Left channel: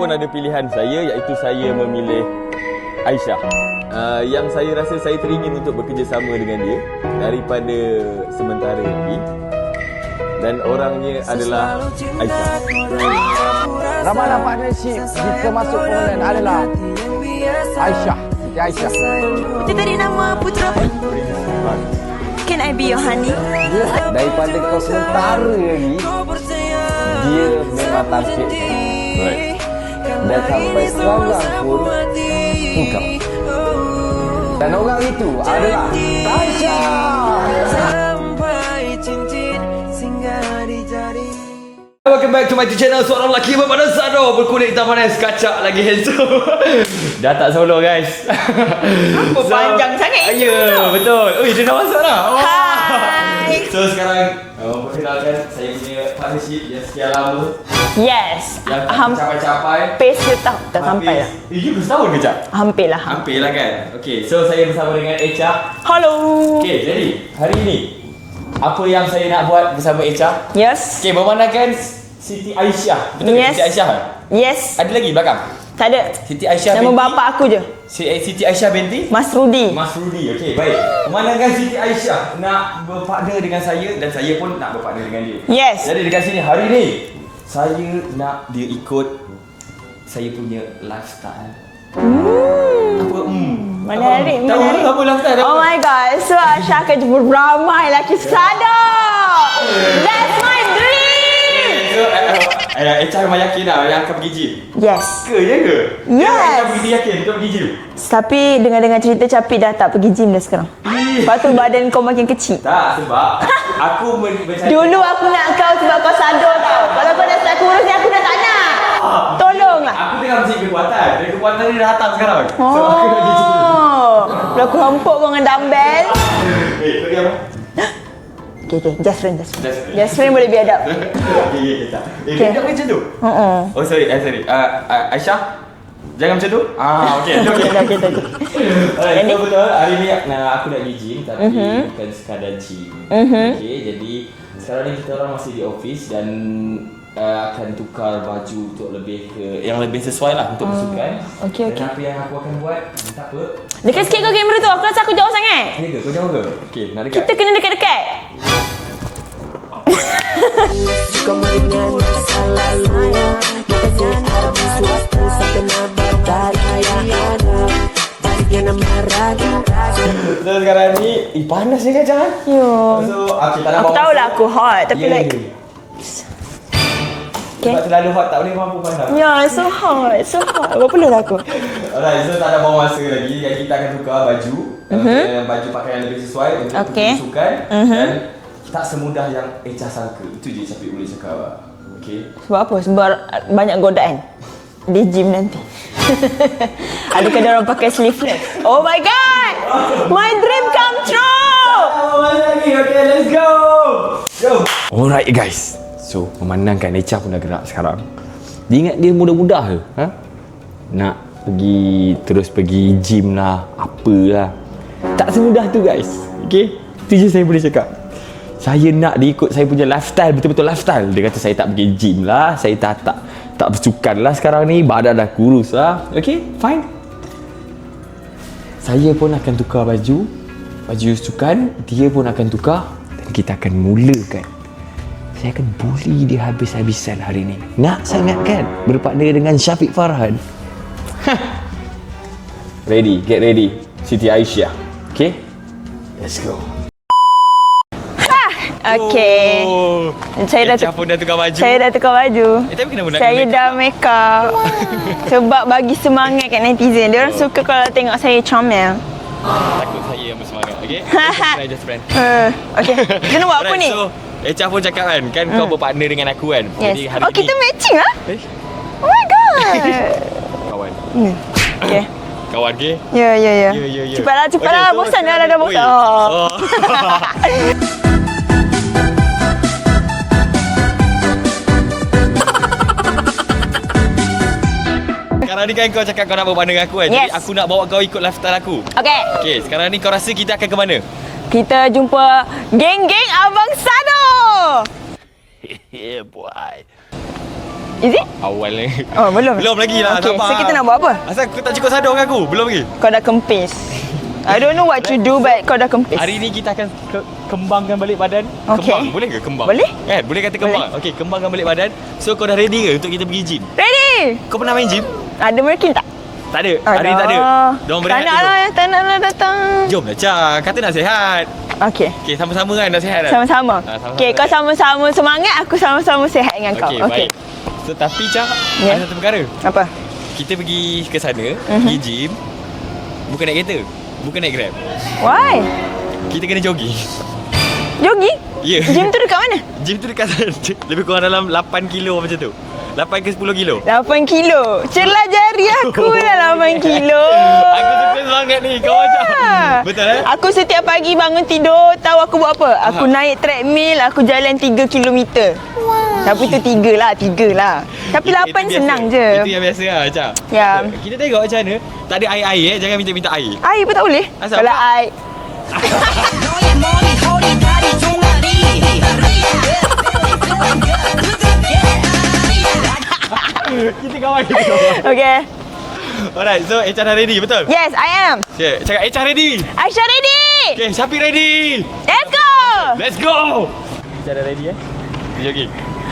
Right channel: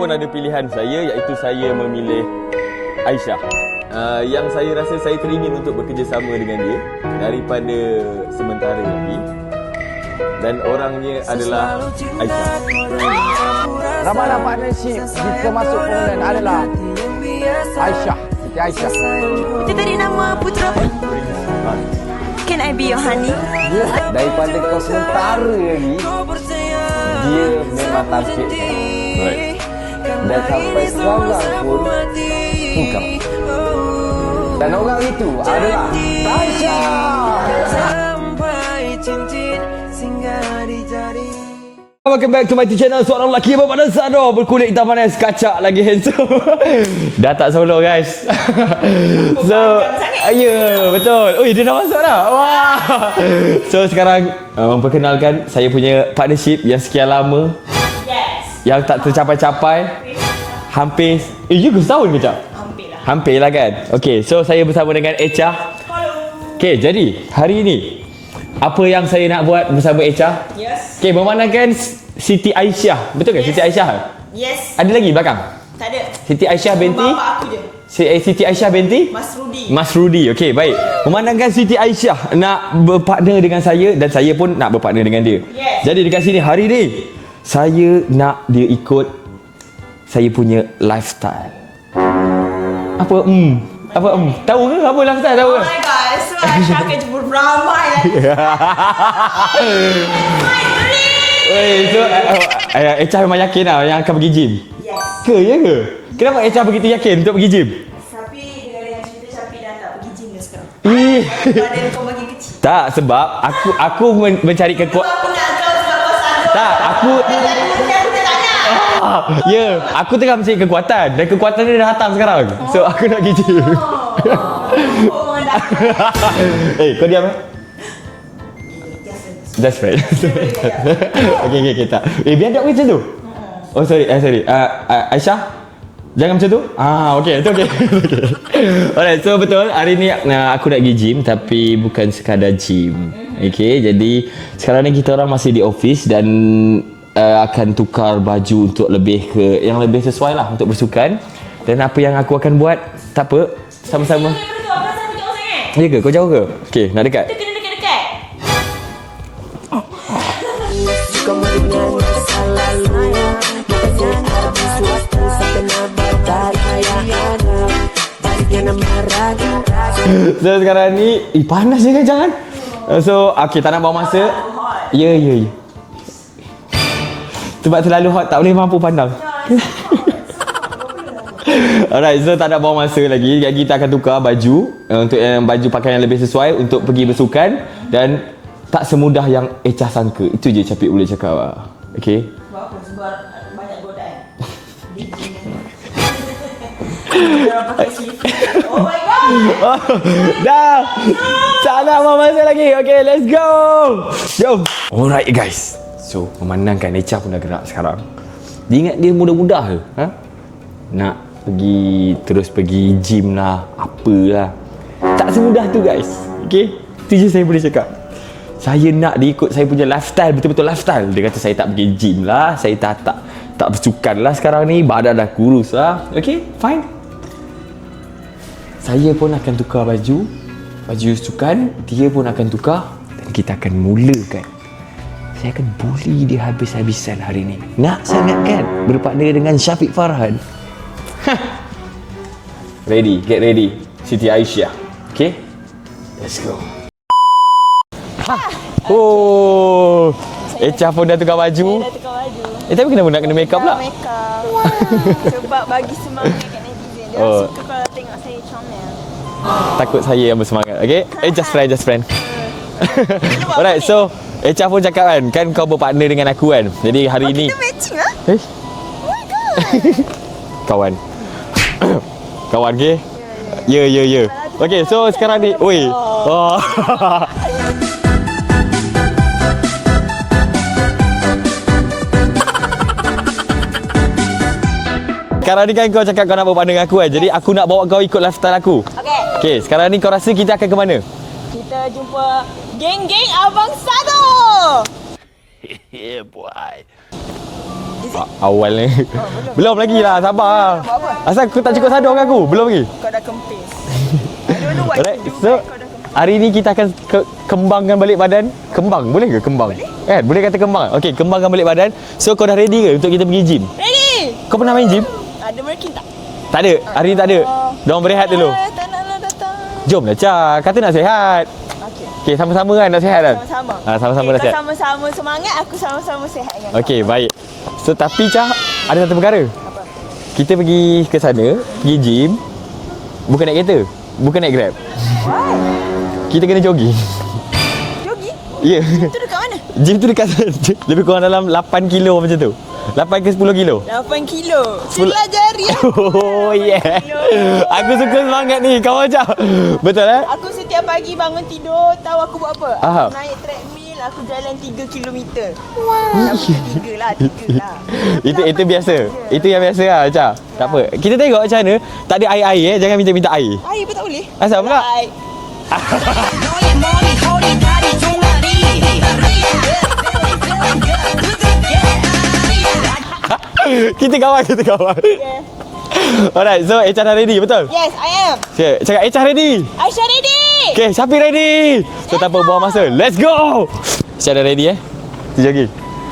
pun ada pilihan saya, iaitu saya memilih Aisyah. Yang saya rasa saya teringin untuk bekerjasama dengan dia daripada sementara lagi. Dan orangnya adalah Aisyah. Ramalan partnership jika masuk permanent adalah Aisyah. Siti Aisyah. Itu tadi nama putera apa? Can I be your honey? Daripada kau sementara lagi, dia memang tampil. Right. Dan sampai sekarang pun engkau. Dan orang itu adalah Aisyah. Welcome back to my channel. Seorang lelaki berpada Sado, berkulit hitam manis, kacak lagi handsome. Dah tak solo guys. Panjang sangat. Ya, betul. Ui, dia dah masuk dah. Wah. So sekarang perkenalkan saya punya partnership yang sekian lama, Yes. yang tak tercapai-capai. Hampir setahun. Hampir. Juga setahun ke Cap? Hampir lah. Hampir lah kan. Okay, so saya bersama dengan Echa. Halo. Okay, jadi hari ini apa yang saya nak buat bersama Echa? Yes. Okay, memandangkan Siti Aisyah. Betul ke Yes. Siti Aisyah? Yes. Ada lagi belakang? Tak ada. Siti Aisyah Nama binti. bapa aku je. Siti Aisyah binti Mas Rudi. Mas Rudi. Okey, baik. Memandangkan Siti Aisyah nak berpartner dengan saya dan saya pun nak berpartner dengan dia. Yes. Jadi dekat sini hari ni saya nak dia ikut saya punya lifestyle. Apa? Apa? Menarik, Tahu menarik. apa lifestyle tahu? Oh my god. So Aisyah akan jumpa ramai lagi sana. That's my dream. So Echa memang yakin lah yang akan pergi gym. Yes. Ke ya ke? Yes. Kenapa Echa begitu yakin untuk pergi gym? Tapi dengan cerita Capi dah tak pergi gym dah sekarang. Lepas tu badan kau makin kecil. Tak, sebab aku mencari Dulu aku nak kau sebab kau sadar. Tak, aku- Pada saat kurus ni aku dah tak nak. Ya, aku tengah mencari kekuatan dan kekuatan dia dah datang sekarang. So aku nak pergi gym. Dah kelompok dengan dandai. Kau diam. Okay, just friend. That's right. Just friend boleh biadab. Okay, tak. Biadab ke macam tu? Oh, sorry. Aisyah, jangan macam tu. Okay. Alright, so betul. Hari ni aku nak pergi gym tapi bukan sekadar gym. Okay, jadi sekarang ni kita orang masih di office dan akan tukar baju untuk lebih ke yang lebih sesuai lah untuk bersukan. Okay, Dan apa yang aku akan buat, tak apa. Dekat sikit kau kamera tu. Aku rasa aku jauh sangat. Ya ke? Kau jauh ke? Okay, nak dekat. Kita kena dekat-dekat. Suka meringan salah saya Makasih ada suatu Sakena berdaya ada Baliknya nama raga So sekarang ni panas je kan jangan? So okay, tak nak Aku buang tahu masa. lah aku hot. Tapi like... Sebab terlalu hot tak boleh mampu pandang. Ya, so hot. So hot. Apa perlu lah aku? Alright, so tak nak buang masa lagi. Jadi kita akan tukar baju untuk yang baju pakaian yang lebih sesuai untuk pergi bersukan dan tak semudah yang Echa sangka. Itu je Capik boleh cakap lah. Okay? Sebab apa? Sebab banyak godaan di gym nanti. Adakah dia orang pakai sleeveless? Oh my god! My dream come true! Tak nak buang masa lagi. Okay, let's go! Jom! Alright guys. So, memandangkan Echa pun dah gerak sekarang. Dia ingat dia mudah-mudah ke? Nak terus pergi gym lah, apalah. Tak semudah tu guys. Okay? Itu je saya boleh cakap. Saya nak dia ikut saya punya lifestyle, betul-betul lifestyle. Dia kata saya tak pergi gym lah, saya tak bersukan lah sekarang ni, badan dah kurus lah. Okay, fine. Saya pun akan tukar baju sukan, dia pun akan tukar dan kita akan mulakan. Saya akan bully dia habis-habisan hari ni. Nak sangat kan berpartner dengan Syafiq Farhan? Ready, get ready. Siti Aisyah. Okay? Let's go. Okay. Oh, Saya Echa pun dah tukar baju. Saya dah tukar baju. Tapi kenapa nak kena Saya make up dah pula? make up. Sebab bagi semangat kat netizen. Dia orang suka kalau tengok saya comel. Takut saya yang bersemangat. Okay? Just friend. Okay. Kita nak buat apa Alright, ni? so Echa pun cakap kan kau berpartner dengan aku kan. Jadi hari ni kita matching ah? Oh my god. kawan. Okay. Kawan ke? Ya. Ya. Cepatlah. Okay, so Bosan sekarang dah ni bosan. Oh. Sekarang ni kan kau cakap kau nak berpartner dengan aku kan. Jadi Yes. aku nak bawa kau ikut lifestyle aku. Okay. Okay, sekarang ni kau rasa kita akan ke mana? Kita jumpa geng-geng Abang Sado. Yeah, boy. Is it? Awal ni. Oh, belum? Belum lagi lah, Okay, sabar. so kita nak buat apa? Asal kau tak cukup sadar dengan aku? Belum lagi. Kau dah kempis. I don't know what to do, but kau dah kempis. Hari ni kita akan kembangkan balik badan. Okay. Kembang, boleh ke kembang? Boleh. Boleh kata kembang. Okey, kembangkan balik badan. So kau dah ready ke untuk kita pergi gym? Ready? Kau pernah main gym? Ada merkin tak? Tak ada. Hari ni tak ada. Diorang berehat dulu. Tak nak lah datang. Jomlah Cha, kata nak sihat. Okey. Okey, sama-sama kan nak sihat kan? Sama-sama. Sama-sama Okey, nak kau sihat. sama-sama semangat, aku sama-sama sihat dengan kau. Okey, baik. So tapi Cha, Ya. ada satu perkara. Apa? Kita pergi ke sana, pergi gym. Bukan naik kereta. Bukan naik Grab. Why? Kita kena jogging. Jogging? Ya. Gym tu dekat mana? Gym tu dekat lebih kurang dalam 8 kilo macam tu. 8 ke 10 kilo. 8 kilo. Celah jari aku dah 8 yeah. kilo. Aku suka semangat ni, kau macam. Betul eh? Aku setiap pagi bangun tidur, tahu aku buat apa? Aku Aha. naik treadmill, aku jalan 3 kilometer. Wow. Tapi tu 3 lah. Tapi 8 senang je. Itu yang biasa lah, Cha. Ya. Tak apa. Kita tengok macam mana. Tak ada air-air jangan minta-minta air. Air pun tak boleh. Asal Kalau pula? air. 너의 머리 허리 다리 종아리 Kita kawan. Okay. Alright, so Echa dah ready, betul? Yes, I am. Okay, cakap Echa ready. Aisyah ready. Okay, Syafiq ready. Kita tak apa Let's buang go. masa. Let's go. Echa dah ready Kita jogging.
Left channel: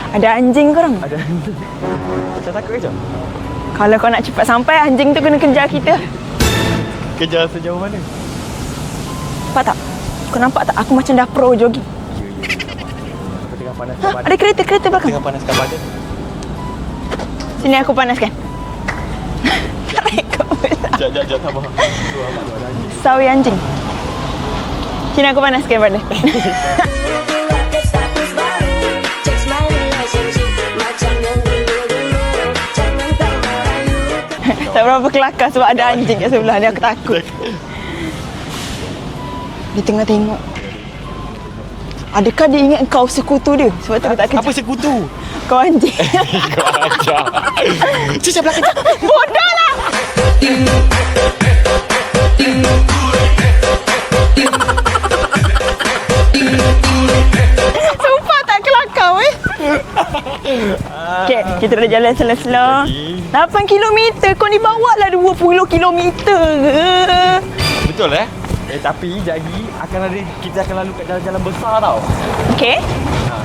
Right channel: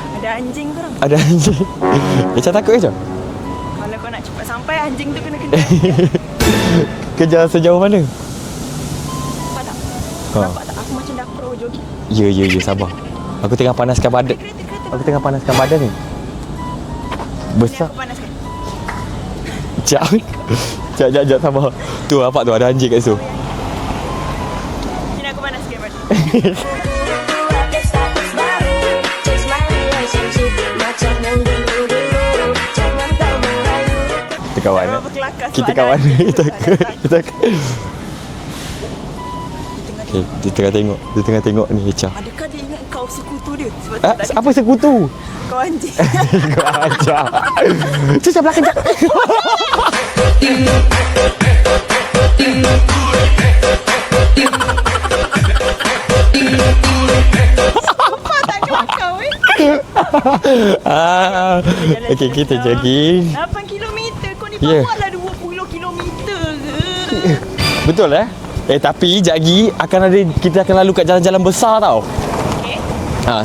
Ada anjing korang. Ada anjing. Echa takut ke, Echa? Kalau kau nak cepat sampai, anjing tu kena kejar kita. Kejar sejauh mana? Nampak tak? Kau nampak tak? Aku macam dah pro jogging. Ya, sabar. Aku tengah panaskan badan. Ada kereta Aku belakang. tengah panaskan badan ni. Sini aku panaskan. Sekejap, sabar. Tu nampak tu ada anjing kat situ. Sawi anjing. Sini aku panaskan badan. Update status baru, change my relationship macam yang dulu-dulu. Jangan kau merayu. Kita kawan. Tak berapa kelakar sebab Kita ada kawan. anjing kat sebelah ni. Aku takut. Dia tengah tengok. Dia tengah tengok ni Echa. Adakah dia ingat kau sekutu dia? Sebab tu tak Apa kejar. sekutu? Kau anjing. Cicap belakang jap. Nampak tak kelakar Okay, kita dah jalan Kita slow-slow. jogging. 8 kilometer. Kau ni bawa lah 20 kilometer ke? Betul tapi sekejap lagi kita akan lalu kat jalan-jalan besar tau. Okay.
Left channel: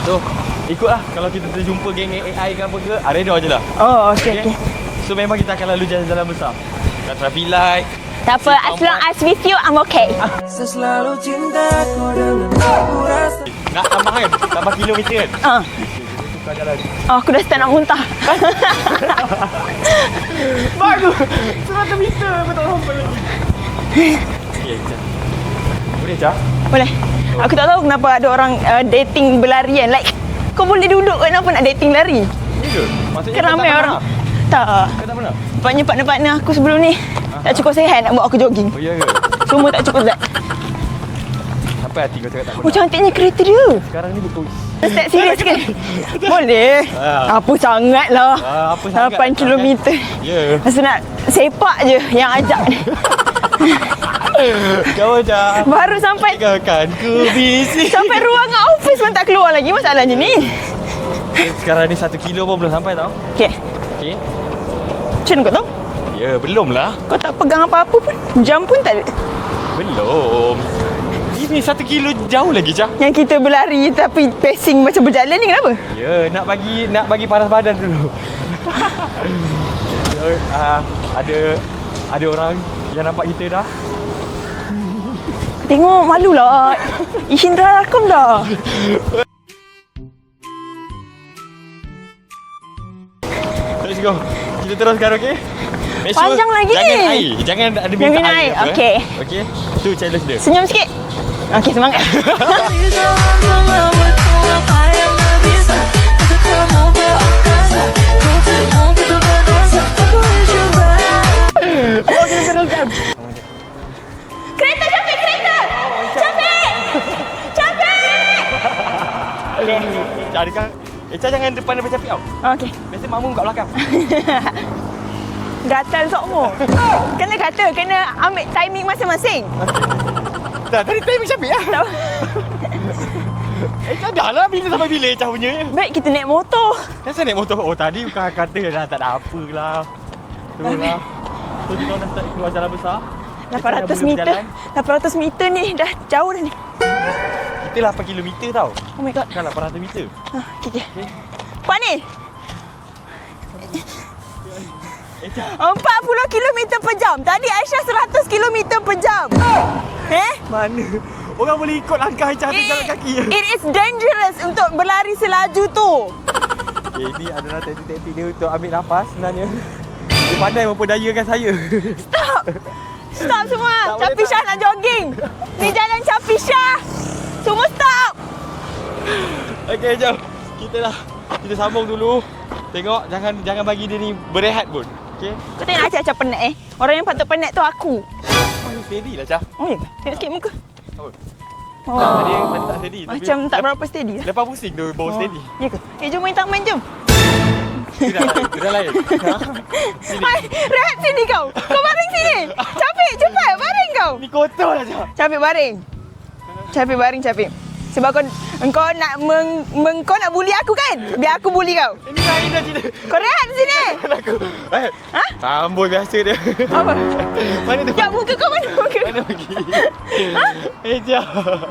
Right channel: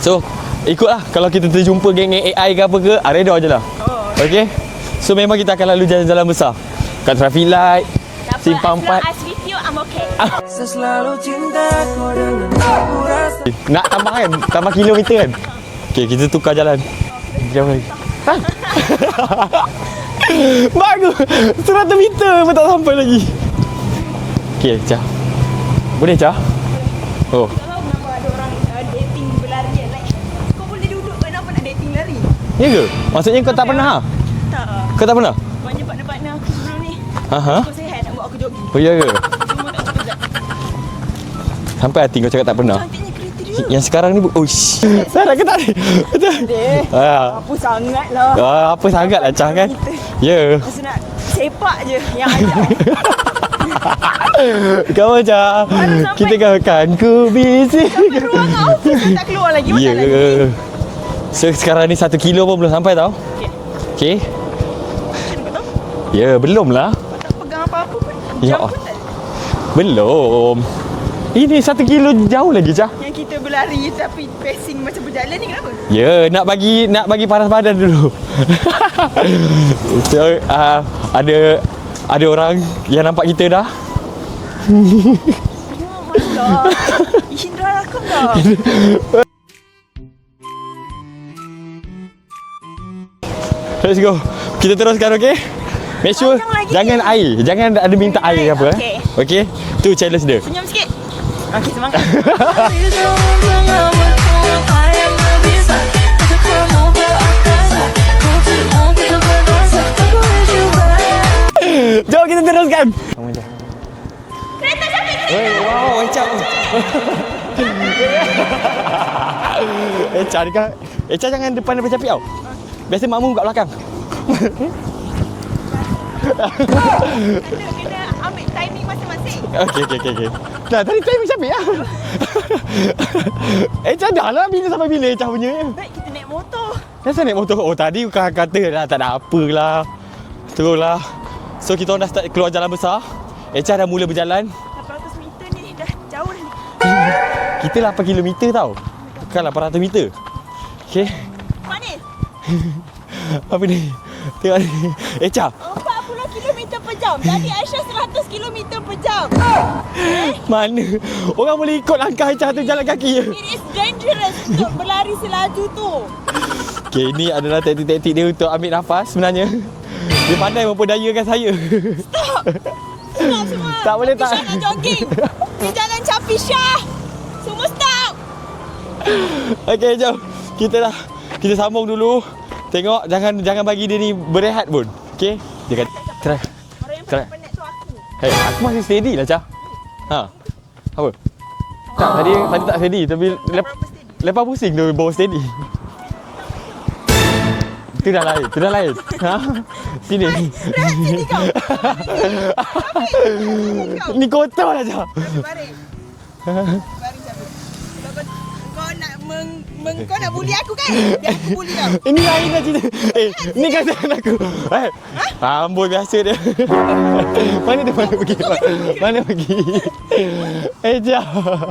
So ikutlah kalau kita terjumpa geng AI ke apa ke, reda je lah. Oh, okay. So memang kita akan lalu jalan-jalan besar. Kat traffic light. Tak apa, as long as with you, I'm okay. Selalu cinta kau dengan aku rasa Nak tambah kan? Tambah kilometer kan? Okay, kita tukar jalan. Oh, aku dah start nak muntah. Bagus! 100 meter pun tak sampai lagi. Okay, Cha. Boleh, Cha? Boleh. Oh. Aku tak tahu kenapa ada orang dating berlarian. Like, kau boleh duduk kau kenapa nak dating lari? Ya ke? Maksudnya kau tak Ramai pernah? orang. Tak. Kau tak pernah? Partner-partner aku sebelum ni tak cukup sihat nak buat aku jogging. Oh, ya ke? Semua tak cukup sihat. Sampai hati kau cakap tak Oh, pernah. cantiknya kereta dia. Yang sekarang ni... Oh, shit. Step serius sikit. Boleh. Apa sangat lah. Apa sangat 8 lah, Cha, kan? kilometer. Ya. Masa nak sepak je yang ajak ni. Kau macam... Baru sampai- Kita kawan ku busy. Sampai ruangan office pun tak keluar lagi. Masalahnya ni. So, sekarang ni 1 kilo pun belum sampai tau. Okay. Okay. Macam mana kau tahu? Ya, belum lah. Kau tak pegang apa-apa pun. Jam Ya. pun tak ada. Belum. Ini 1 kilo jauh lagi, Cha. Yang kita berlari tapi pacing macam berjalan ni kenapa? Ya, nak bagi panas badan dulu. So, ada orang yang nampak kita dah. Tengok malulah. Ishindra Lakom dah. Let's go. Kita teruskan, okey? Make sure Panjang lagi. jangan air. Jangan ada minta Jangan air air, apa. okey. Okey? Tu challenge dia. Senyum sikit. Okey, semangat. Jom kita teruskan. Kereta Syafiq, kereta. Oh, Echa jangan depan Syafiq tau. Okey. Biasa makmum kat belakang. gatal semua. Kena kata, kena ambil timing masing-masing. Okey. Dah, tadi timing siapa ya? Echa dah lah bila sampai bila Echa punya. Baik, kita naik motor. Kenapa naik motor? Oh, tadi bukan kata dah tak ada apalah. Teruslah. So, kita orang dah start keluar jalan besar. Echa dah mula berjalan. 800 meter ni, dah jauh dah ni. Kita 8 kilometer tau. Oh my god. Kan 800 meter. Okay. Okey. Kuat ni. Apa ni? Tengok ni. Echa. 40 km per jam. Tadi Aisyah 100 km per jam. Mana? Orang boleh ikut langkah Echa tu jalan kaki. It is dangerous untuk berlari selaju tu. Okey, ini adalah taktik-taktik dia untuk ambil nafas sebenarnya. Dia pandai memperdayakan saya. Stop semua. Tak boleh Capi tak. Syah nak jogging. Di jalan Capi Syah. Semua stop. Okey, jom. Kita sambung dulu. Tengok, jangan bagi dia ni berehat pun. Okey? Kau tengok Acah penat Orang yang patut penat tu aku. Hey, aku masih steady lah, Cah. Oh ya? Tengok muka. Apa? Oh. Tadi tak steady tapi Macam tak berapa steady. lepas pusing tu baru steady. Ya ke? Jom main taman jom. Itu dah lain. Ha? Sini. Rehat sini kau. Kau baring sini. Capek cepat baring kau. Ni kotor lah, Cah. Capek baring. Capek baring capek. Sebab engkau nak kau nak bully aku kan? Biar aku bully kau. Ini lagi dah cerita. Kau rehat Ni sini. kata aku. Amboi biasa dia. Mana dia Kau muka kau mana muka? Mana pergi? Echa.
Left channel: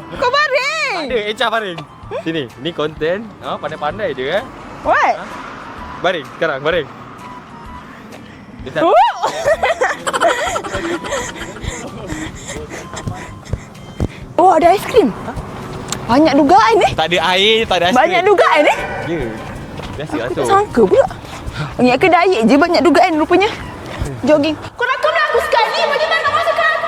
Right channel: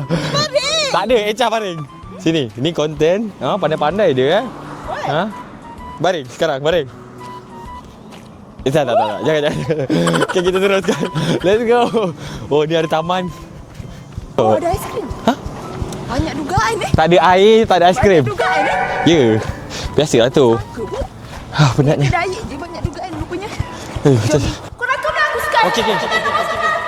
Kau baring. Tak ada, Echa baring. Sini, ni konten. Ha, pandai-pandai dia eh. What? Ha? Baring sekarang, baring. Echa tak. Jangan. Okay, kita teruskan. Let's go. Oh, ni ada taman. Oh, ada aiskrim. Ha? Banyak dugaan ni. Tak ada air, tak ada aiskrim. Banyak dugaan ni. Ya. Biasalah tu. Sangka pula. Ingat ke diet je banyak dugaan rupanya. Jogging. Kau nak aku sekarang. Okey, okey. Kita nak masuk ke aku.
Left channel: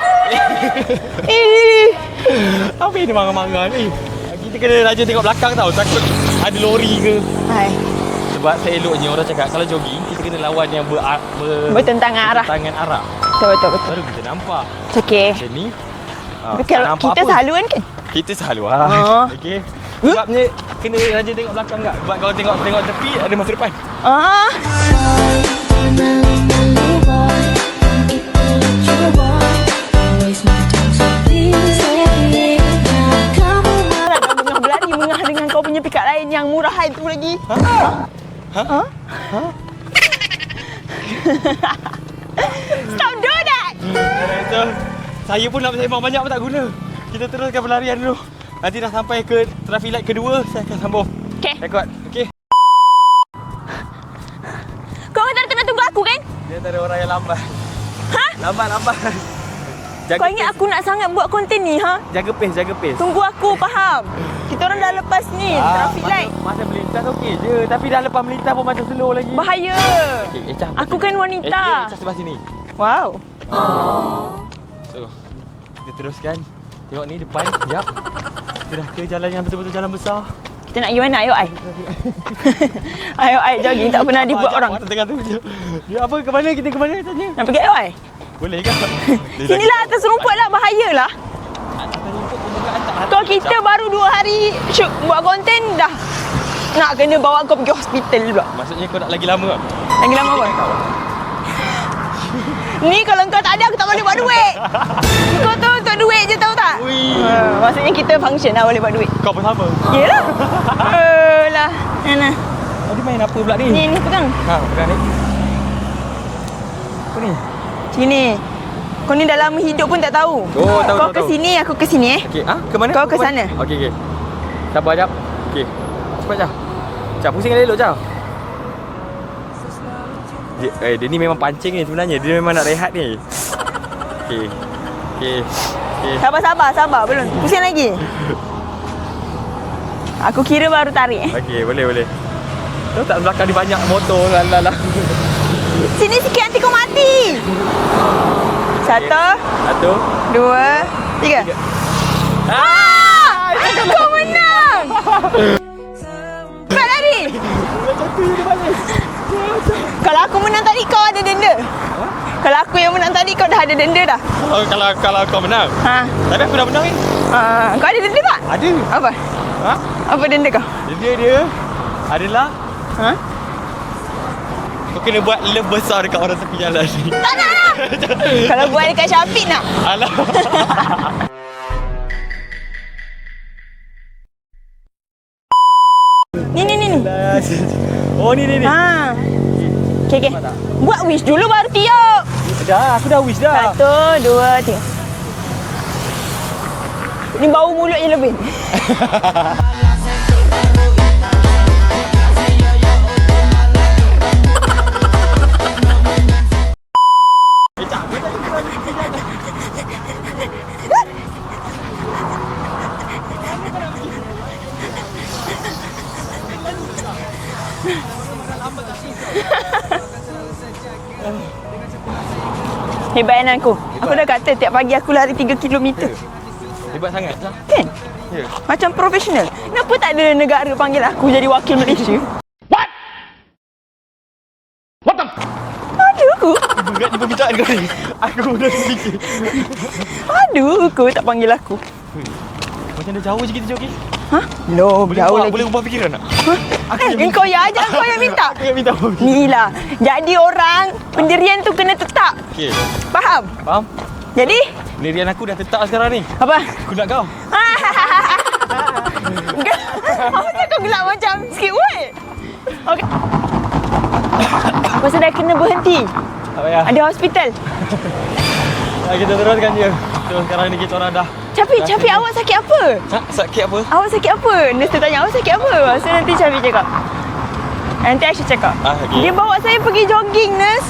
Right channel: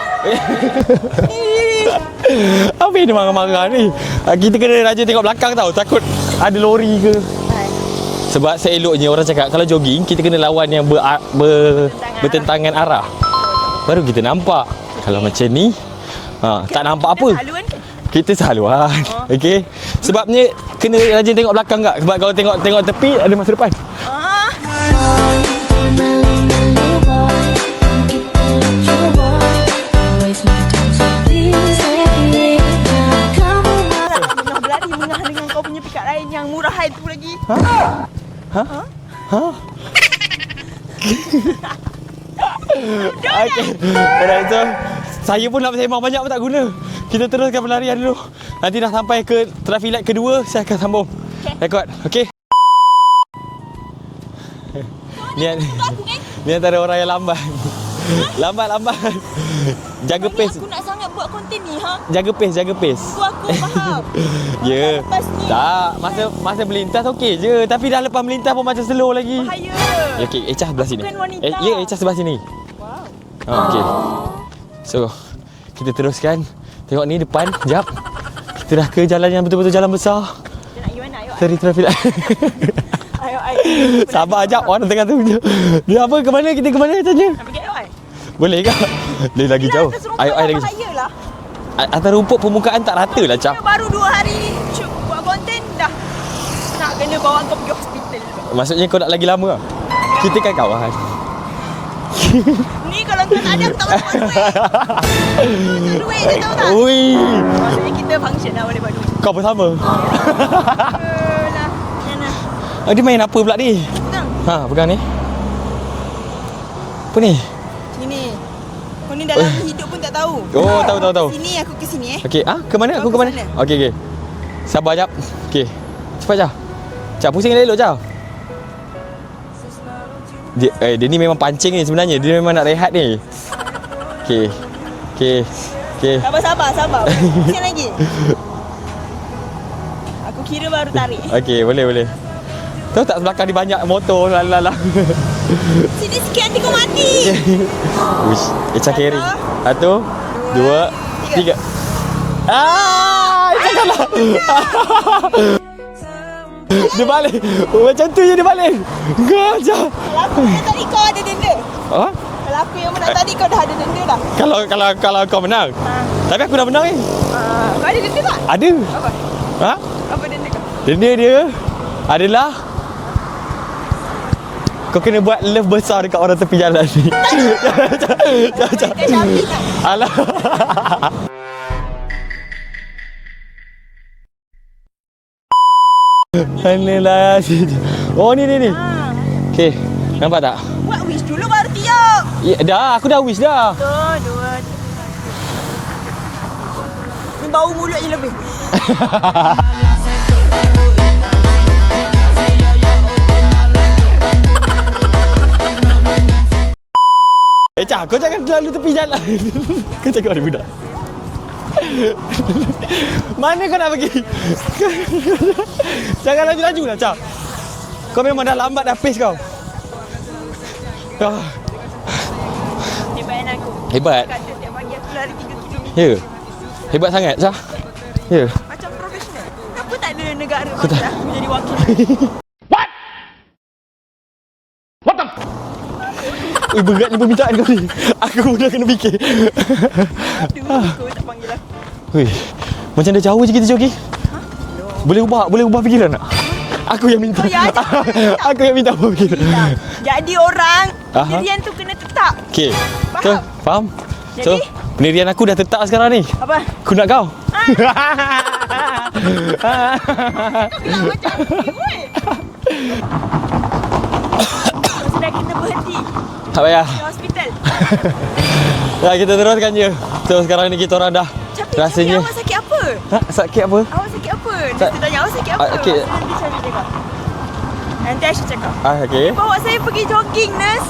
Apa yang dia marah-marah ni? Kita kena rajin tengok belakang tau. Takut ada lori ke. Hai. Sebab seeloknya orang cakap kalau jogging kita kena lawan yang bertentangan arah. Betul. Baru kita nampak. Okey. Kalau macam ni tak nampak kita apa. selalu kan? Kita selalu lah. Okey. Sebabnya kena rajin tengok belakang tak? Sebab kalau tengok tepi ada masa depan. Ah. Mengah dengan kau punya pick up lain yang murah itu lagi. Stop doing that. Dah itu. Saya pun nak sembang banyak pun tak guna. Kita teruskan pelarian dulu. Nanti dah sampai ke traffic light kedua, saya akan sambung. Okey. Rekod. Okey. Kau tak kena tunggu aku kan? Ni antara orang yang lambat. Lambat. Jaga Kau ingat pace. aku nak sangat buat konten ni, ha? Jaga pace. Tunggu aku, faham? Kita orang dah lepas ni, Tak, traffic light. masa melintas okey je. Tapi dah lepas melintas pun macam slow lagi. Bahaya. Okey, Echa sebelah Aku sini. kan wanita. Ya, Echa sebelah sini. Wow. Okey. So, kita teruskan. Tengok ni depan, jap. Kita dah ke jalan yang betul-betul jalan besar. Kita nak pergi mana? Ayo, Ai. Dari traffic light. Ayo, Ai. Jogging tak pernah dibuat Sabar, orang. orang tengah tu. Dia apa? Ke mana? Kita ke mana katanya? Nak pergi, ayo, Ai. Boleh ke? Dia lagi Sinilah jauh. atas rumput Ayo, lah, lagi. bahaya lah. Atas rumput permukaan tak rata Kau lah, kita Cap. baru 2 hari shoot buat konten dah. Nak kena bawa kau pergi hospital pula. Maksudnya kau nak lagi lama lah? Lagi lama Kita apa? kan kawan. Ni kalau kau tak ada, aku tak boleh buat duit. Kau tahu untuk duit je, tahu tak? Ui. Maksudnya kita function lah boleh buat duit. Kau bersama? Ya lah. Lah. Mana? Dia main apa pula ni? Ni pegang. Ha, benar ni. Apa ni? Sini. Kau ni dalam hidup pun tak tahu. Oh, tahu. Kau ke sini, aku ke sini Okey, ke mana? Kau Aku ke mana? sana. Okey. Sabar jap. Okey. Cepat jap. Cak pusing elok jap. Dia ni memang pancing ni sebenarnya. Dia memang nak rehat ni. Okey. Sabar. Pusing lagi. Aku kira baru tarik. Okey, boleh. Tahu tak belakang dia banyak motor lah. Sini sikit nanti kau mati. Satu, dua, tiga. Dia balik. Macam tu je dia balik. Macam. Kalau aku menang tadi kau ada denda. Ha? Kalau aku yang menang tadi kau dah ada denda dah. Kalau kau menang. Ha. Tapi aku dah menang ni. Kau ada denda tak? Ada. Apa? Ha? Apa denda kau? Denda dia adalah Ha? Kau kena buat love besar dekat orang tepi jalan ni. Kalau buat dekat Shopee nak. Alah. Ni. Oh ni. Ha. Okey. Nampak tak? Buat wish dulu baru tiup. Ya, dah, aku dah wish dah. 1, 2, 3. Ni bau mulut je lebih. Cak, kau jangan keluar tepi jalan. Kau cakap ada budak. Mana kau nak pergi? Jangan laju-laju lah, Cak. Kau memang dah lambat dah pace kau. Hebat kan aku. Hebat. Aku dah kata tiap pagi aku lari 3 km. Ya. Hebat sangat, Cak. Kan? Ya. Macam profesional. Kenapa tak ada negara panggil aku jadi wakil Malaysia? Berat ni perbincangan kau ni. Aku dah kena fikir. Aduh, kau tak panggil aku. Weh, macam dah jauh je kita jogi. Ha? No, Boleh ubah fikiran tak? Aku yang Kau yang ajar, kau yang minta. Aku yang minta. Gila. Jadi orang, pendirian tu kena tetap. Okey. Faham? Okay, faham. Jadi? So, pendirian aku dah tetap sekarang ni. Apa? Aku nak kau. Kau gelak macam sikit weh. Okay. Pasal dah kena berhenti. Tak payah. Ada hospital. Ya, kita teruskan je. So, sekarang ni kita orang dah Capi, rasanya- awak sakit apa? Ha? Sakit apa? Awak sakit apa? Nurse tu tanya, awak sakit apa? Okey. Lepas tu nanti Capi cakap. Nanti Aisyah cakap. Okey. Dia bawa saya pergi jogging, nurse.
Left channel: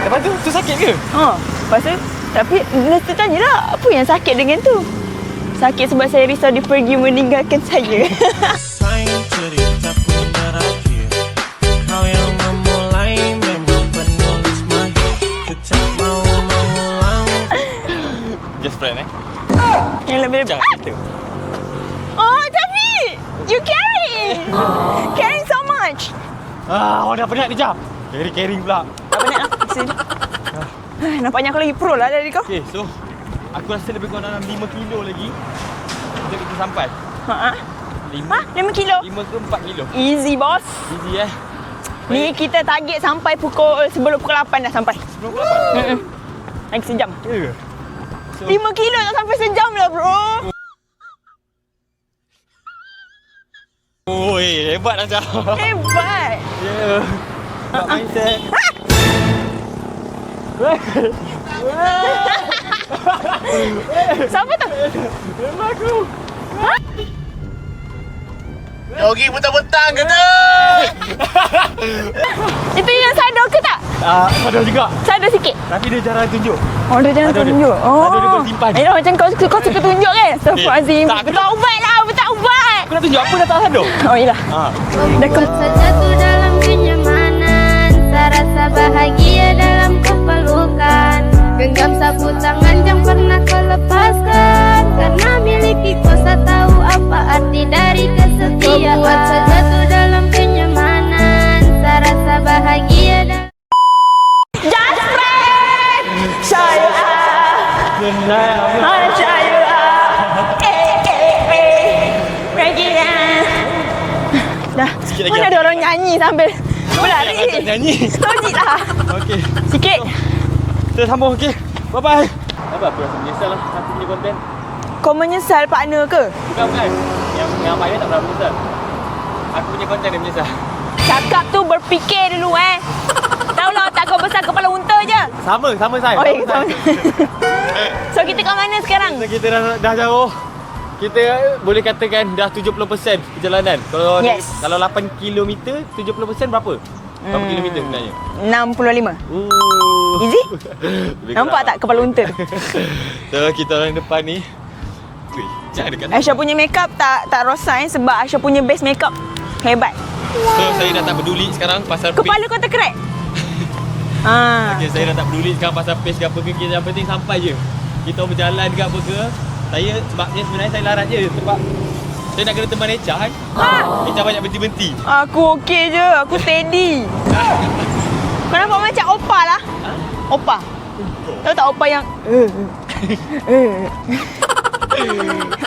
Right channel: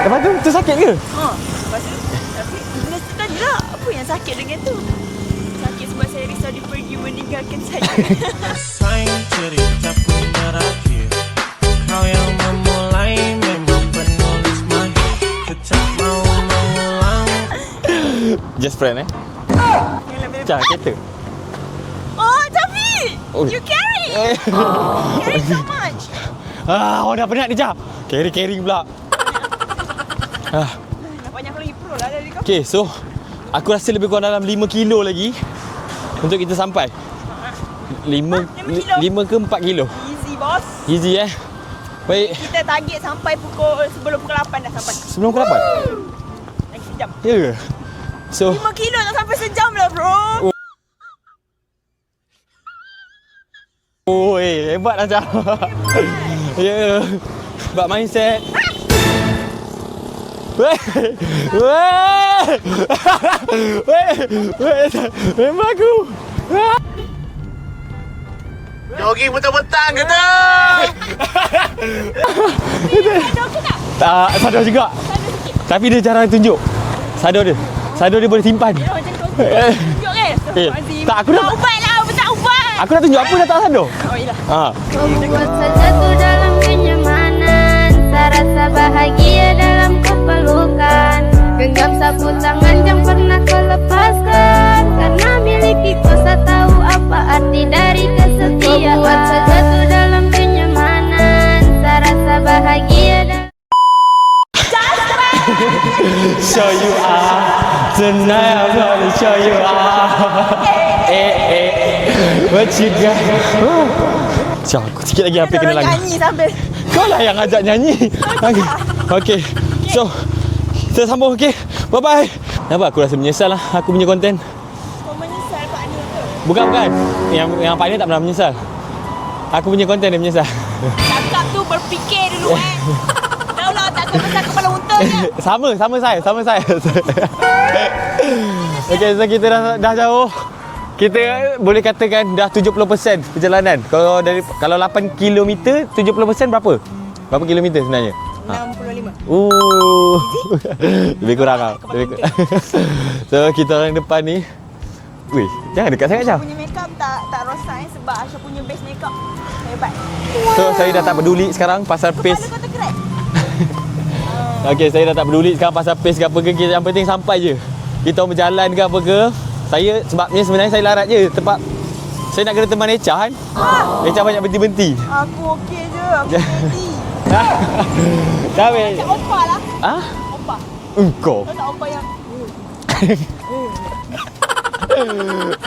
Lepas tu sakit ke? Lepas tu, tapi nurse tu tanya lah, apa yang sakit dengan tu? Sakit sebab saya risau dia pergi meninggalkan saya. Sayang cerita pun berakhir. Kau yang memulai memang penulis mahir. Kecap mau mengulang. Just friend Yang lebih... Jangan kereta. Oh, Capi! You carry! Carry so much! Awak dah penat ni, Jap. Carry pula. Nampaknya aku lagi pro lah dari kau. Okay, so aku rasa lebih kurang dalam 5 kilo lagi untuk kita sampai. Ha? 5 kilo? 5 ke 4 kilo. Easy, boss. Easy Ni kita target sampai sebelum pukul 8 dah sampai. Sebelum pukul 8? Lagi sejam. Ya ke? So 5 kilo dah sampai sejam lah, bro. Oh, hebat lah, Jap. Hebat. Ya. Sebab mindset. Siapa tu? Memang aku. Jogging mentang-mentang kena. Itu yang sadar ke tak? Tak, sadar juga. Sadar sikit. Tapi dia jarang tunjuk. Oh, dia jangan Sadar dia. tunjuk. Sadar dia boleh simpan. Eh, macam kau suka tunjuk kan? Astagfirullahaladzim. tak, aku tak. Taubat lah, bertaubat. Aku nak tunjuk apa dia tak sadar. Oh, yelah. Membuat sejatuh dalam kenyamanan, serasa bahagia dalam kepelukan. Genggam sapu tangan yang pernah kau lepaskan, karena miliki kuasa tahu apa arti dari kesetiaan. Membuat sejatuh dalam kenyamanan, serasa bahagia dalam... Senang Dah. sikit lagi Mana apa ada kena orang lagi. nyanyi sambil Yang ajak nyanyi. Okey. Sikit. So, kita sambung, okey. Bye-bye. Kenapa aku rasa menyesal lah aku punya konten? Kau menyesal partner ke? Bukan. Yang partner tak pernah menyesal. Aku punya konten yang menyesal. Cakap tu berfikir dulu Tahu lah tak kau besar kepala unta je. Sama saya. Oh, Sama ya, saya. So kita kat mana sekarang? Okay, so kita dah jauh. Kita boleh katakan dah 70% perjalanan. Kalau Yes. kalau 8 km, 70% berapa? Berapa kilometer sebenarnya? 65. Easy? Lebih Nampak kurang tak kepala unta? So kita orang depan ni. Weh, jangan dekat saya. Aisyah punya makeup tak rosak sebab Aisyah punya base makeup hebat. So saya dah tak peduli sekarang pasal pace. Kepala kau terkerek. Okey, saya dah tak peduli sekarang pasal pace ke apa ke. Yang penting sampai je. Kita berjalan ke apa ke. Saya sebabnya sebenarnya saya larat je tempat saya nak kena teman Echa kan. Echa banyak berhenti-berhenti. Aku okey je, aku steady. Kau nampak macam opa lah. Ha? Opa. Engkau. Tahu tak opa yang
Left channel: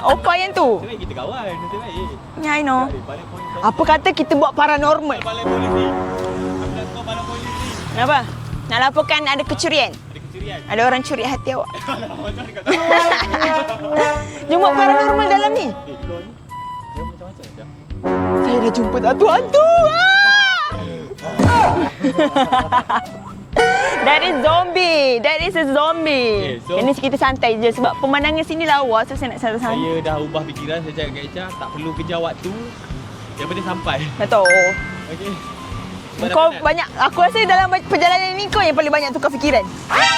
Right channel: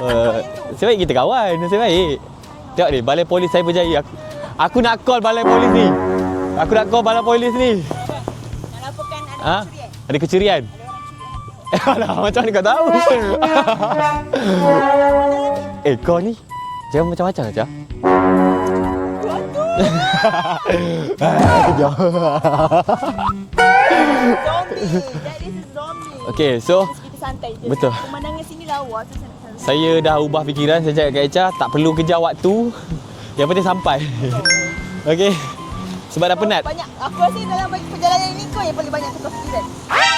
opa yang tu. Sebaik kita kawan, sebaik. Ya, I know. Tengok ni, balai polis saya Apa berjanji. kata kita buat Aku nak call paranormal? balai polis ni. Aku nak call balap polis ni. Kenapa? Nak laporkan ada kecurian. Ada kecurian. Ada orang curi hati awak. Alah, macam mana kau tahu? Jumpa paranormal dalam ni. Kau ni jangan macam-macam aja. Jangan jumpa hantu-hantu. That is zombie. That is a zombie. Okay, so- Ini kita santai je. Betul. Sebab pemandangan sini lawa. So saya nak sama-sama. Saya dah ubah fikiran. Saya cakap kat Echa, tak perlu kejar waktu. Yang penting sampai. Tak tahu. Okey. Sebab dah Kau penat. banyak. Aku rasa dalam perjalanan ni kau yang paling banyak tukar fikiran.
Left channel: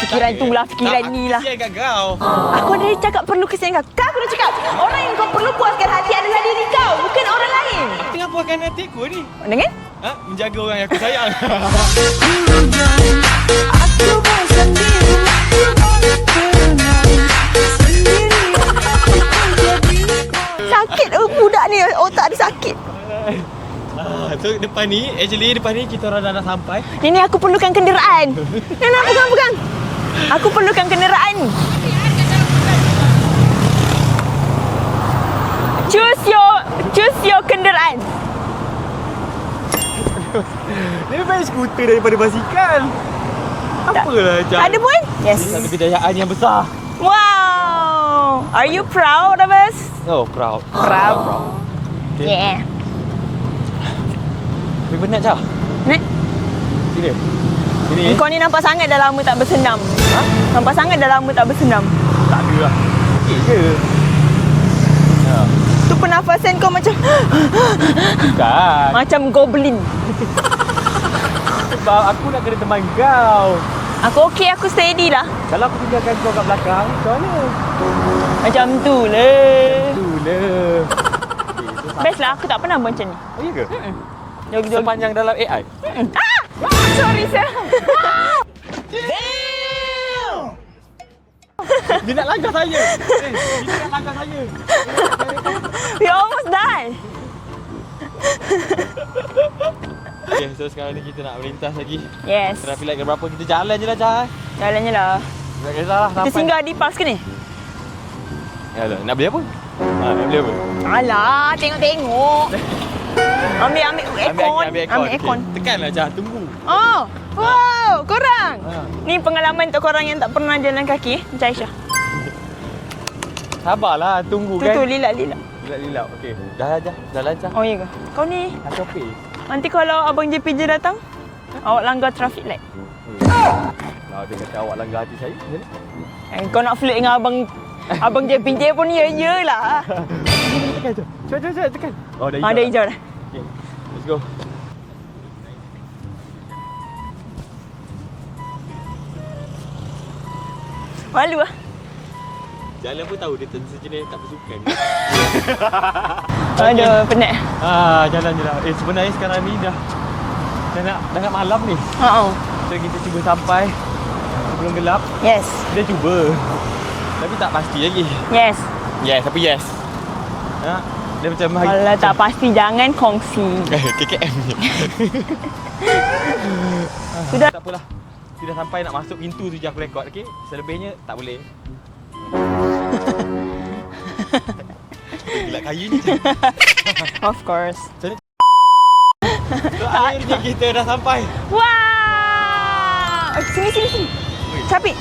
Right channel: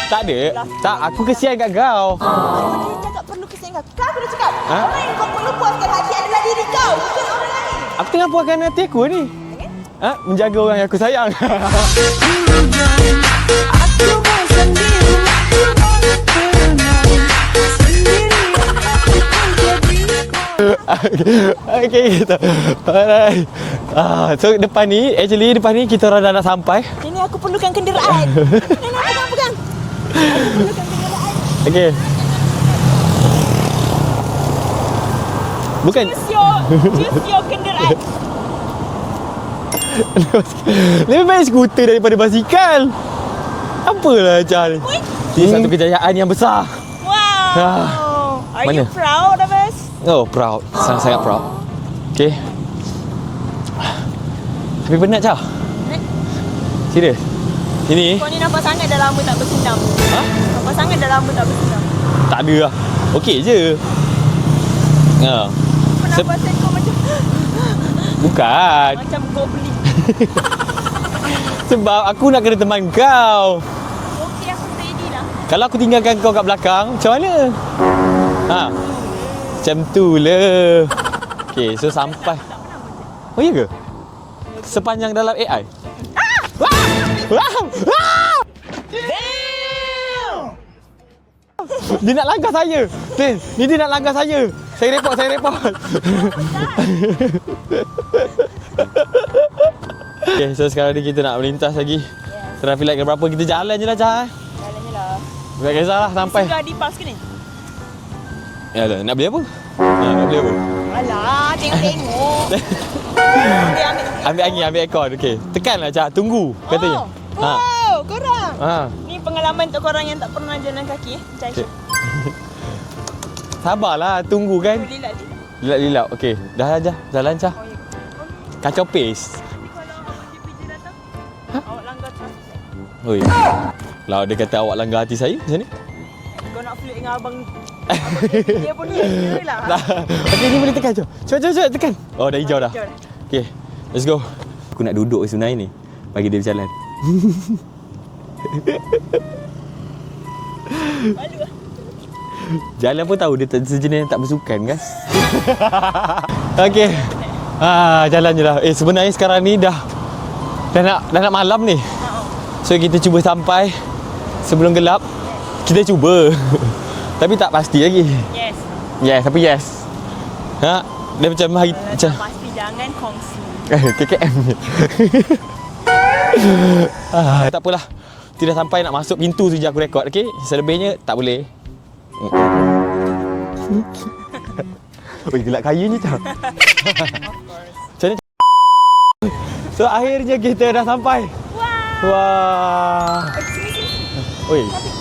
Fikiran tu lah, fikiran Tak, aku ni lah. kesian kat kau. Aku dah cakap perlu kesian kau. Kau aku dah cakap. Orang yang kau perlu puaskan hati adalah diri kau. Bukan orang lain. Aku tengah puaskan hati aku ni. Dengan? Menjaga orang yang aku sayang. Aku bosan di rumah Sakit budak ni. Otak sakit. Alright. So depan ni kita orang dah sampai. Ini aku perlukan kenderaan. Nak pegang. Aku perlukan kenderaan. Okey. Choose your kenderaan. Lebih baik skuter daripada basikal. Apalah Jan. Ada pun? Yes. Ini satu kejayaan yang besar. Wow. Are you Mana? proud of us? Oh, proud. Sangat proud. Okay. Yeah. Tapi penat Cah. Right? Serius. Ini Kau ni nampak sangat dah lama tak bersenam. Nampak sangat dah lama tak bersenam. tak ada lah. Okey je. Tu pernafasan kau macam Bukan. macam goblin. Sebab aku nak kena teman kau. Aku okey, aku steady lah. Kalau aku tinggalkan kau kat belakang, macam mana? Macam tu lah. Macam tu lah. Okey, so Best lah, sampai. aku tak pernah buat macam ni. Oh, ya ke? Jogi-jogi. Sepanjang dalam AI? Dia nak langkah saya. Dia nak langkah saya. Saya report. We almost die. Okay, so sekarang ni kita nak melintas lagi. Yes. Traffic light berapa? Kita jalan je lah, Cah. Jalannya lah. Tak kisahlah Kita sampai. singgah di parks ke ni? Ya lah, nak beli apa? Nak beli apa? Alah, tengok-tengok. Ambil Ambil aircon. Okey. Tekanlah, Cah. Tunggu. Katanya. Wow, korang. Ha. Ni pengalaman untuk korang yang tak pernah jalan kaki. Macam Aisyah. Sabarlah, tunggu kan. Tu lilat-lilat. Lilak. Okey. Dah aja. Jalan, Cah. Oh, ya ke? Kau ni, Kacau pace. nanti kalau Abang JPJ datang, awak langgar traffic light. Oi. Lah dia kata awak langgar hati saya macam ni. Kau nak flirt dengan Abang JPJ pun ya lah. Okey, ni boleh tekan, Cah. Cepat tekan. Oh, dah hijau Ada dah. hijau dah. Okey. Let's go. Aku nak duduk sebenarnya ni. Bagi dia berjalan. Malu lah. Jalan pun tahu dia sejenis yang tak bersukan kan. Okey. Penat. Jalan je lah. Sebenarnya sekarang ni dah nak malam ni. So kita cuba sampai sebelum gelap. Yes. Kita cuba. Tapi tak pasti lagi. Yes. Yes, tapi yes. Dia macam Kalau tak pasti, jangan kongsi. KKM ni. Tak apalah. Tidak sampai nak masuk pintu tu je aku rekod, okey? Selebihnya tak boleh. Gila kaya ni Cah. Of course. Macam ni. So akhirnya kita dah sampai. Wow. Wah. Sini. Oi. Capik.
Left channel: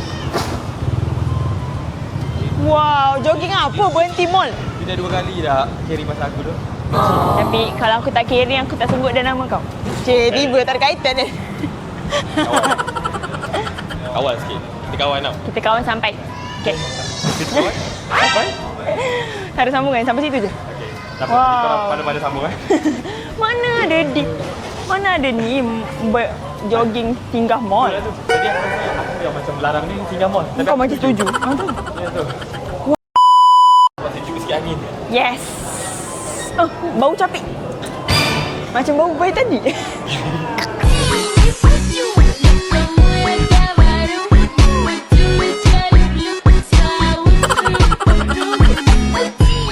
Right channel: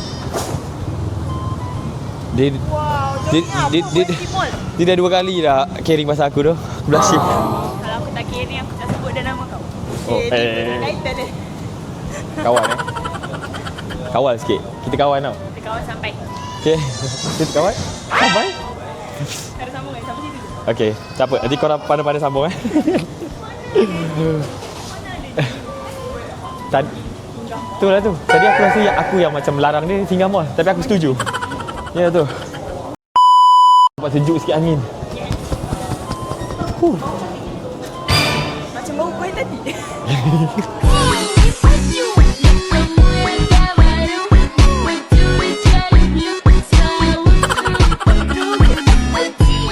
Dia Wow, jogging Dia- apa? dia- Berhenti mall. dia dah 2 kali dah carry pasal aku tu. Blushing. Tapi kalau aku tak carry, aku tak sebut dia nama kau. Cik, tiba tak ada kaitan dia. Kawan. Kawan sikit. Kita kawan tau. Kita kawan sampai. Okey. Kita kawan? Tak ada sambungan, sampai situ je. Okey. Siapa? Nanti korang pandai-pandai sambung eh. Mana ada ni jogging singgah mall. Betul lah tu. Tadi aku rasa aku yang macam melarang ni singgah mall. Tapi Kau aku macam setuju. setuju. Ya tu. Buat sejuk sikit angin. Yes. Oh, bau capik. Macam bau bayi tadi.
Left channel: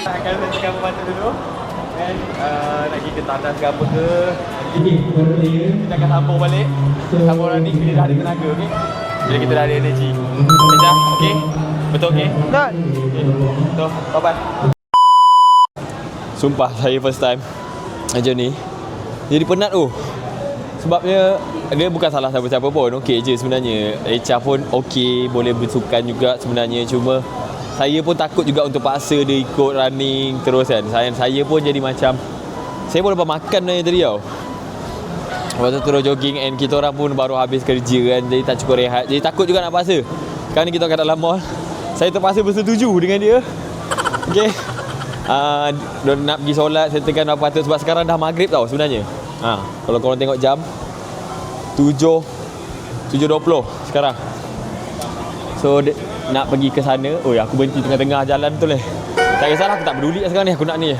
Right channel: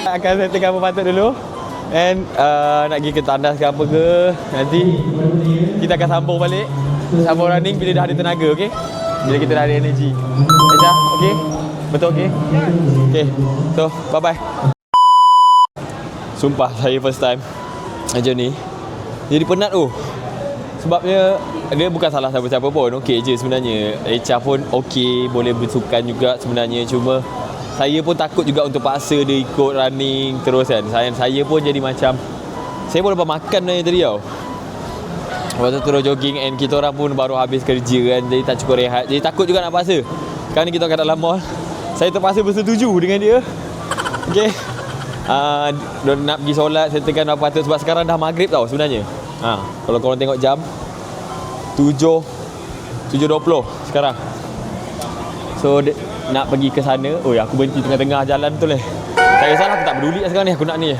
Akan saya tengah memantau dulu. And nak pergi ke tandas ke apa ke. Nanti kita akan sambung balik. Sambung running bila dah ada tenaga, okey? Bila kita dah ada energi. Macam, okey? Betul okey? Betul. Okey. So, bye-bye. Sumpah saya first time macam ni. Jadi penat tu. Sebabnya dia bukan salah siapa-siapa pun. Okey je sebenarnya. Echa pun okey, boleh bersukan juga sebenarnya. Cuma saya pun takut juga untuk paksa dia ikut running terus kan. Saya pun jadi macam, saya pun lepas makan tadi tau. Lepas tu terus jogging and kita orang pun baru habis kerja kan. Jadi tak cukup rehat. Jadi takut juga nak paksa. Sekarang ni kita kat dalam mall. Saya terpaksa bersetuju dengan dia. Okay. Nak pergi solat, settlekan apa patut. Sebab sekarang dah maghrib tau sebenarnya. Kalau korang tengok jam 7.20 sekarang. So nak pergi ke sana. Aku berhenti tengah-tengah jalan betul tak kisahlah, aku tak peduli sekarang ni. Aku nak ni.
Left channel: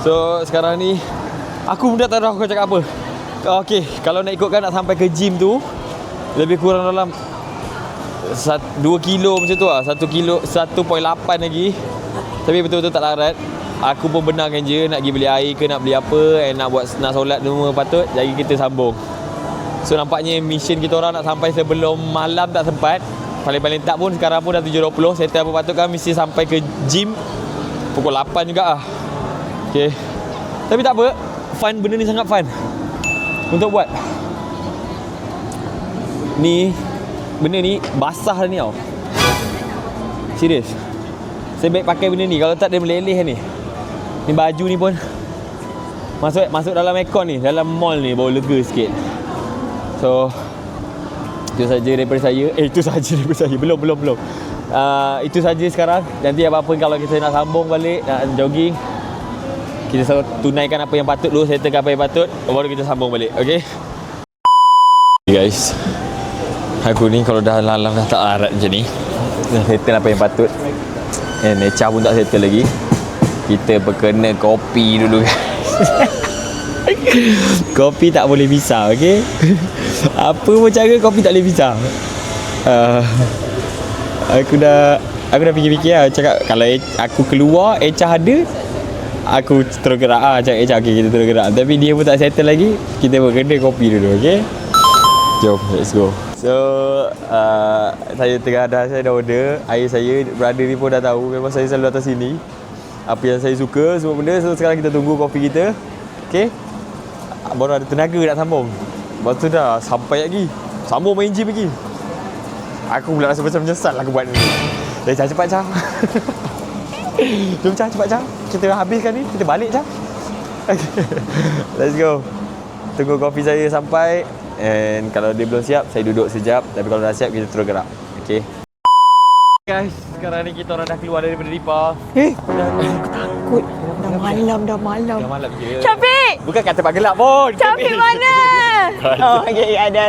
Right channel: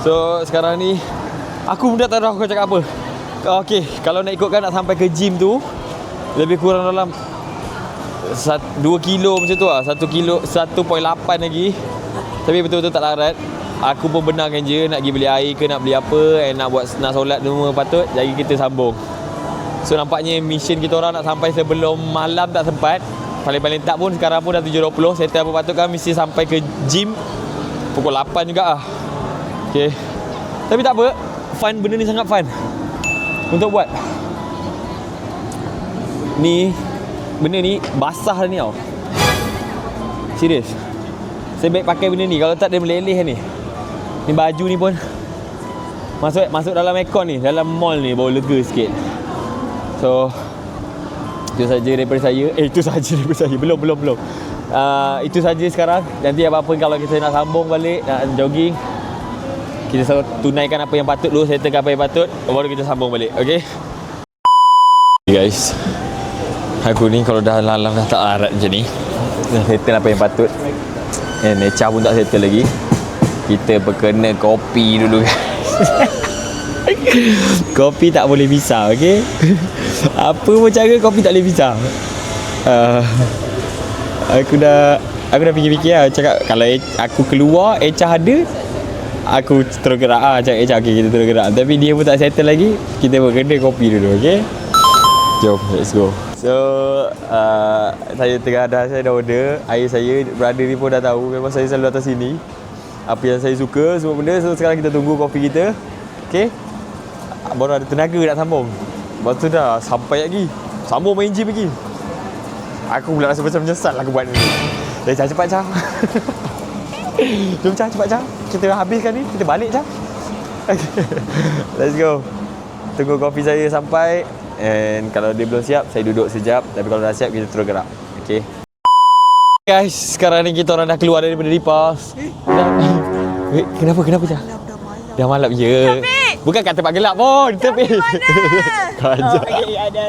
So sekarang ni aku pun tak tahu aku cakap apa. Okay, kalau nak ikutkan nak sampai ke gym tu lebih kurang dalam 2 kilo macam tu lah. 1 kilo 1.8 lagi. Tapi betul-betul tak larat. Aku pun benarkan je nak pergi beli air ke nak beli apa, nak solat semua patut. Jadi kita sambung. So nampaknya mission kita orang nak sampai sebelum malam tak sempat. Paling-paling tak pun sekarang pun dah 7.20. Settle apa patut kan mesti sampai ke gym pukul 8 juga lah. Okay. Tapi tak apa, fun, benda ni sangat fun untuk buat. Benda ni basah ni tau. Serius. Saya baik pakai benda ni. Kalau tak dia meleleh ni. Ni baju ni pun masuk dalam aircon ni, dalam mall ni baru lega sikit. So itu saja daripada saya. Itu saja daripada saya. Belum. Itu saja sekarang. Nanti apa-apa kalau kita nak sambung balik, nak jogging, kita tunaikan apa yang patut dulu, settlekan apa yang patut, baru kita sambung balik. Okay guys, aku ni kalau dah lalang dah tak larat macam ni, dah settle apa yang patut. Echa pun tak settle lagi. Kita berkena kopi dulu guys. Kopi tak boleh pisah, okay? Apa pun cara kopi tak boleh pisah. Aku dah fikir-fikir lah. Cakap kalau aku keluar, Echa ada, aku terus gerak cakap Echa, okay, kita terus gerak. Tapi dia pun tak settle lagi. Kita berkena kopi dulu, okay? Jom, let's go. So, saya dah order. Ayah saya, brother ni pun dah tahu. Memang saya selalu datang sini. Apa yang saya suka, semua benda. So, sekarang kita tunggu kopi kita. Okay? Baru ada tenaga nak sambung. Lepas tu dah sampai lagi. Sambung main gym lagi. Aku pula rasa macam menyesal aku buat ni. Dah cepat Cah. Jom Cah, cepat Cah. Kita habiskan ni, kita balik Cah. Okay. Let's go. Tunggu kopi saya sampai. And kalau dia belum siap, saya duduk sekejap. Tapi kalau dah siap, kita terus gerak. Okay. Guys, sekarang ni kita orang dah keluar daripada Deepos. Wait, kenapa? Dah malam. Dah malam, ya. Capek! Bukan kat tempat gelap pun. Capek mana? Okay, ada.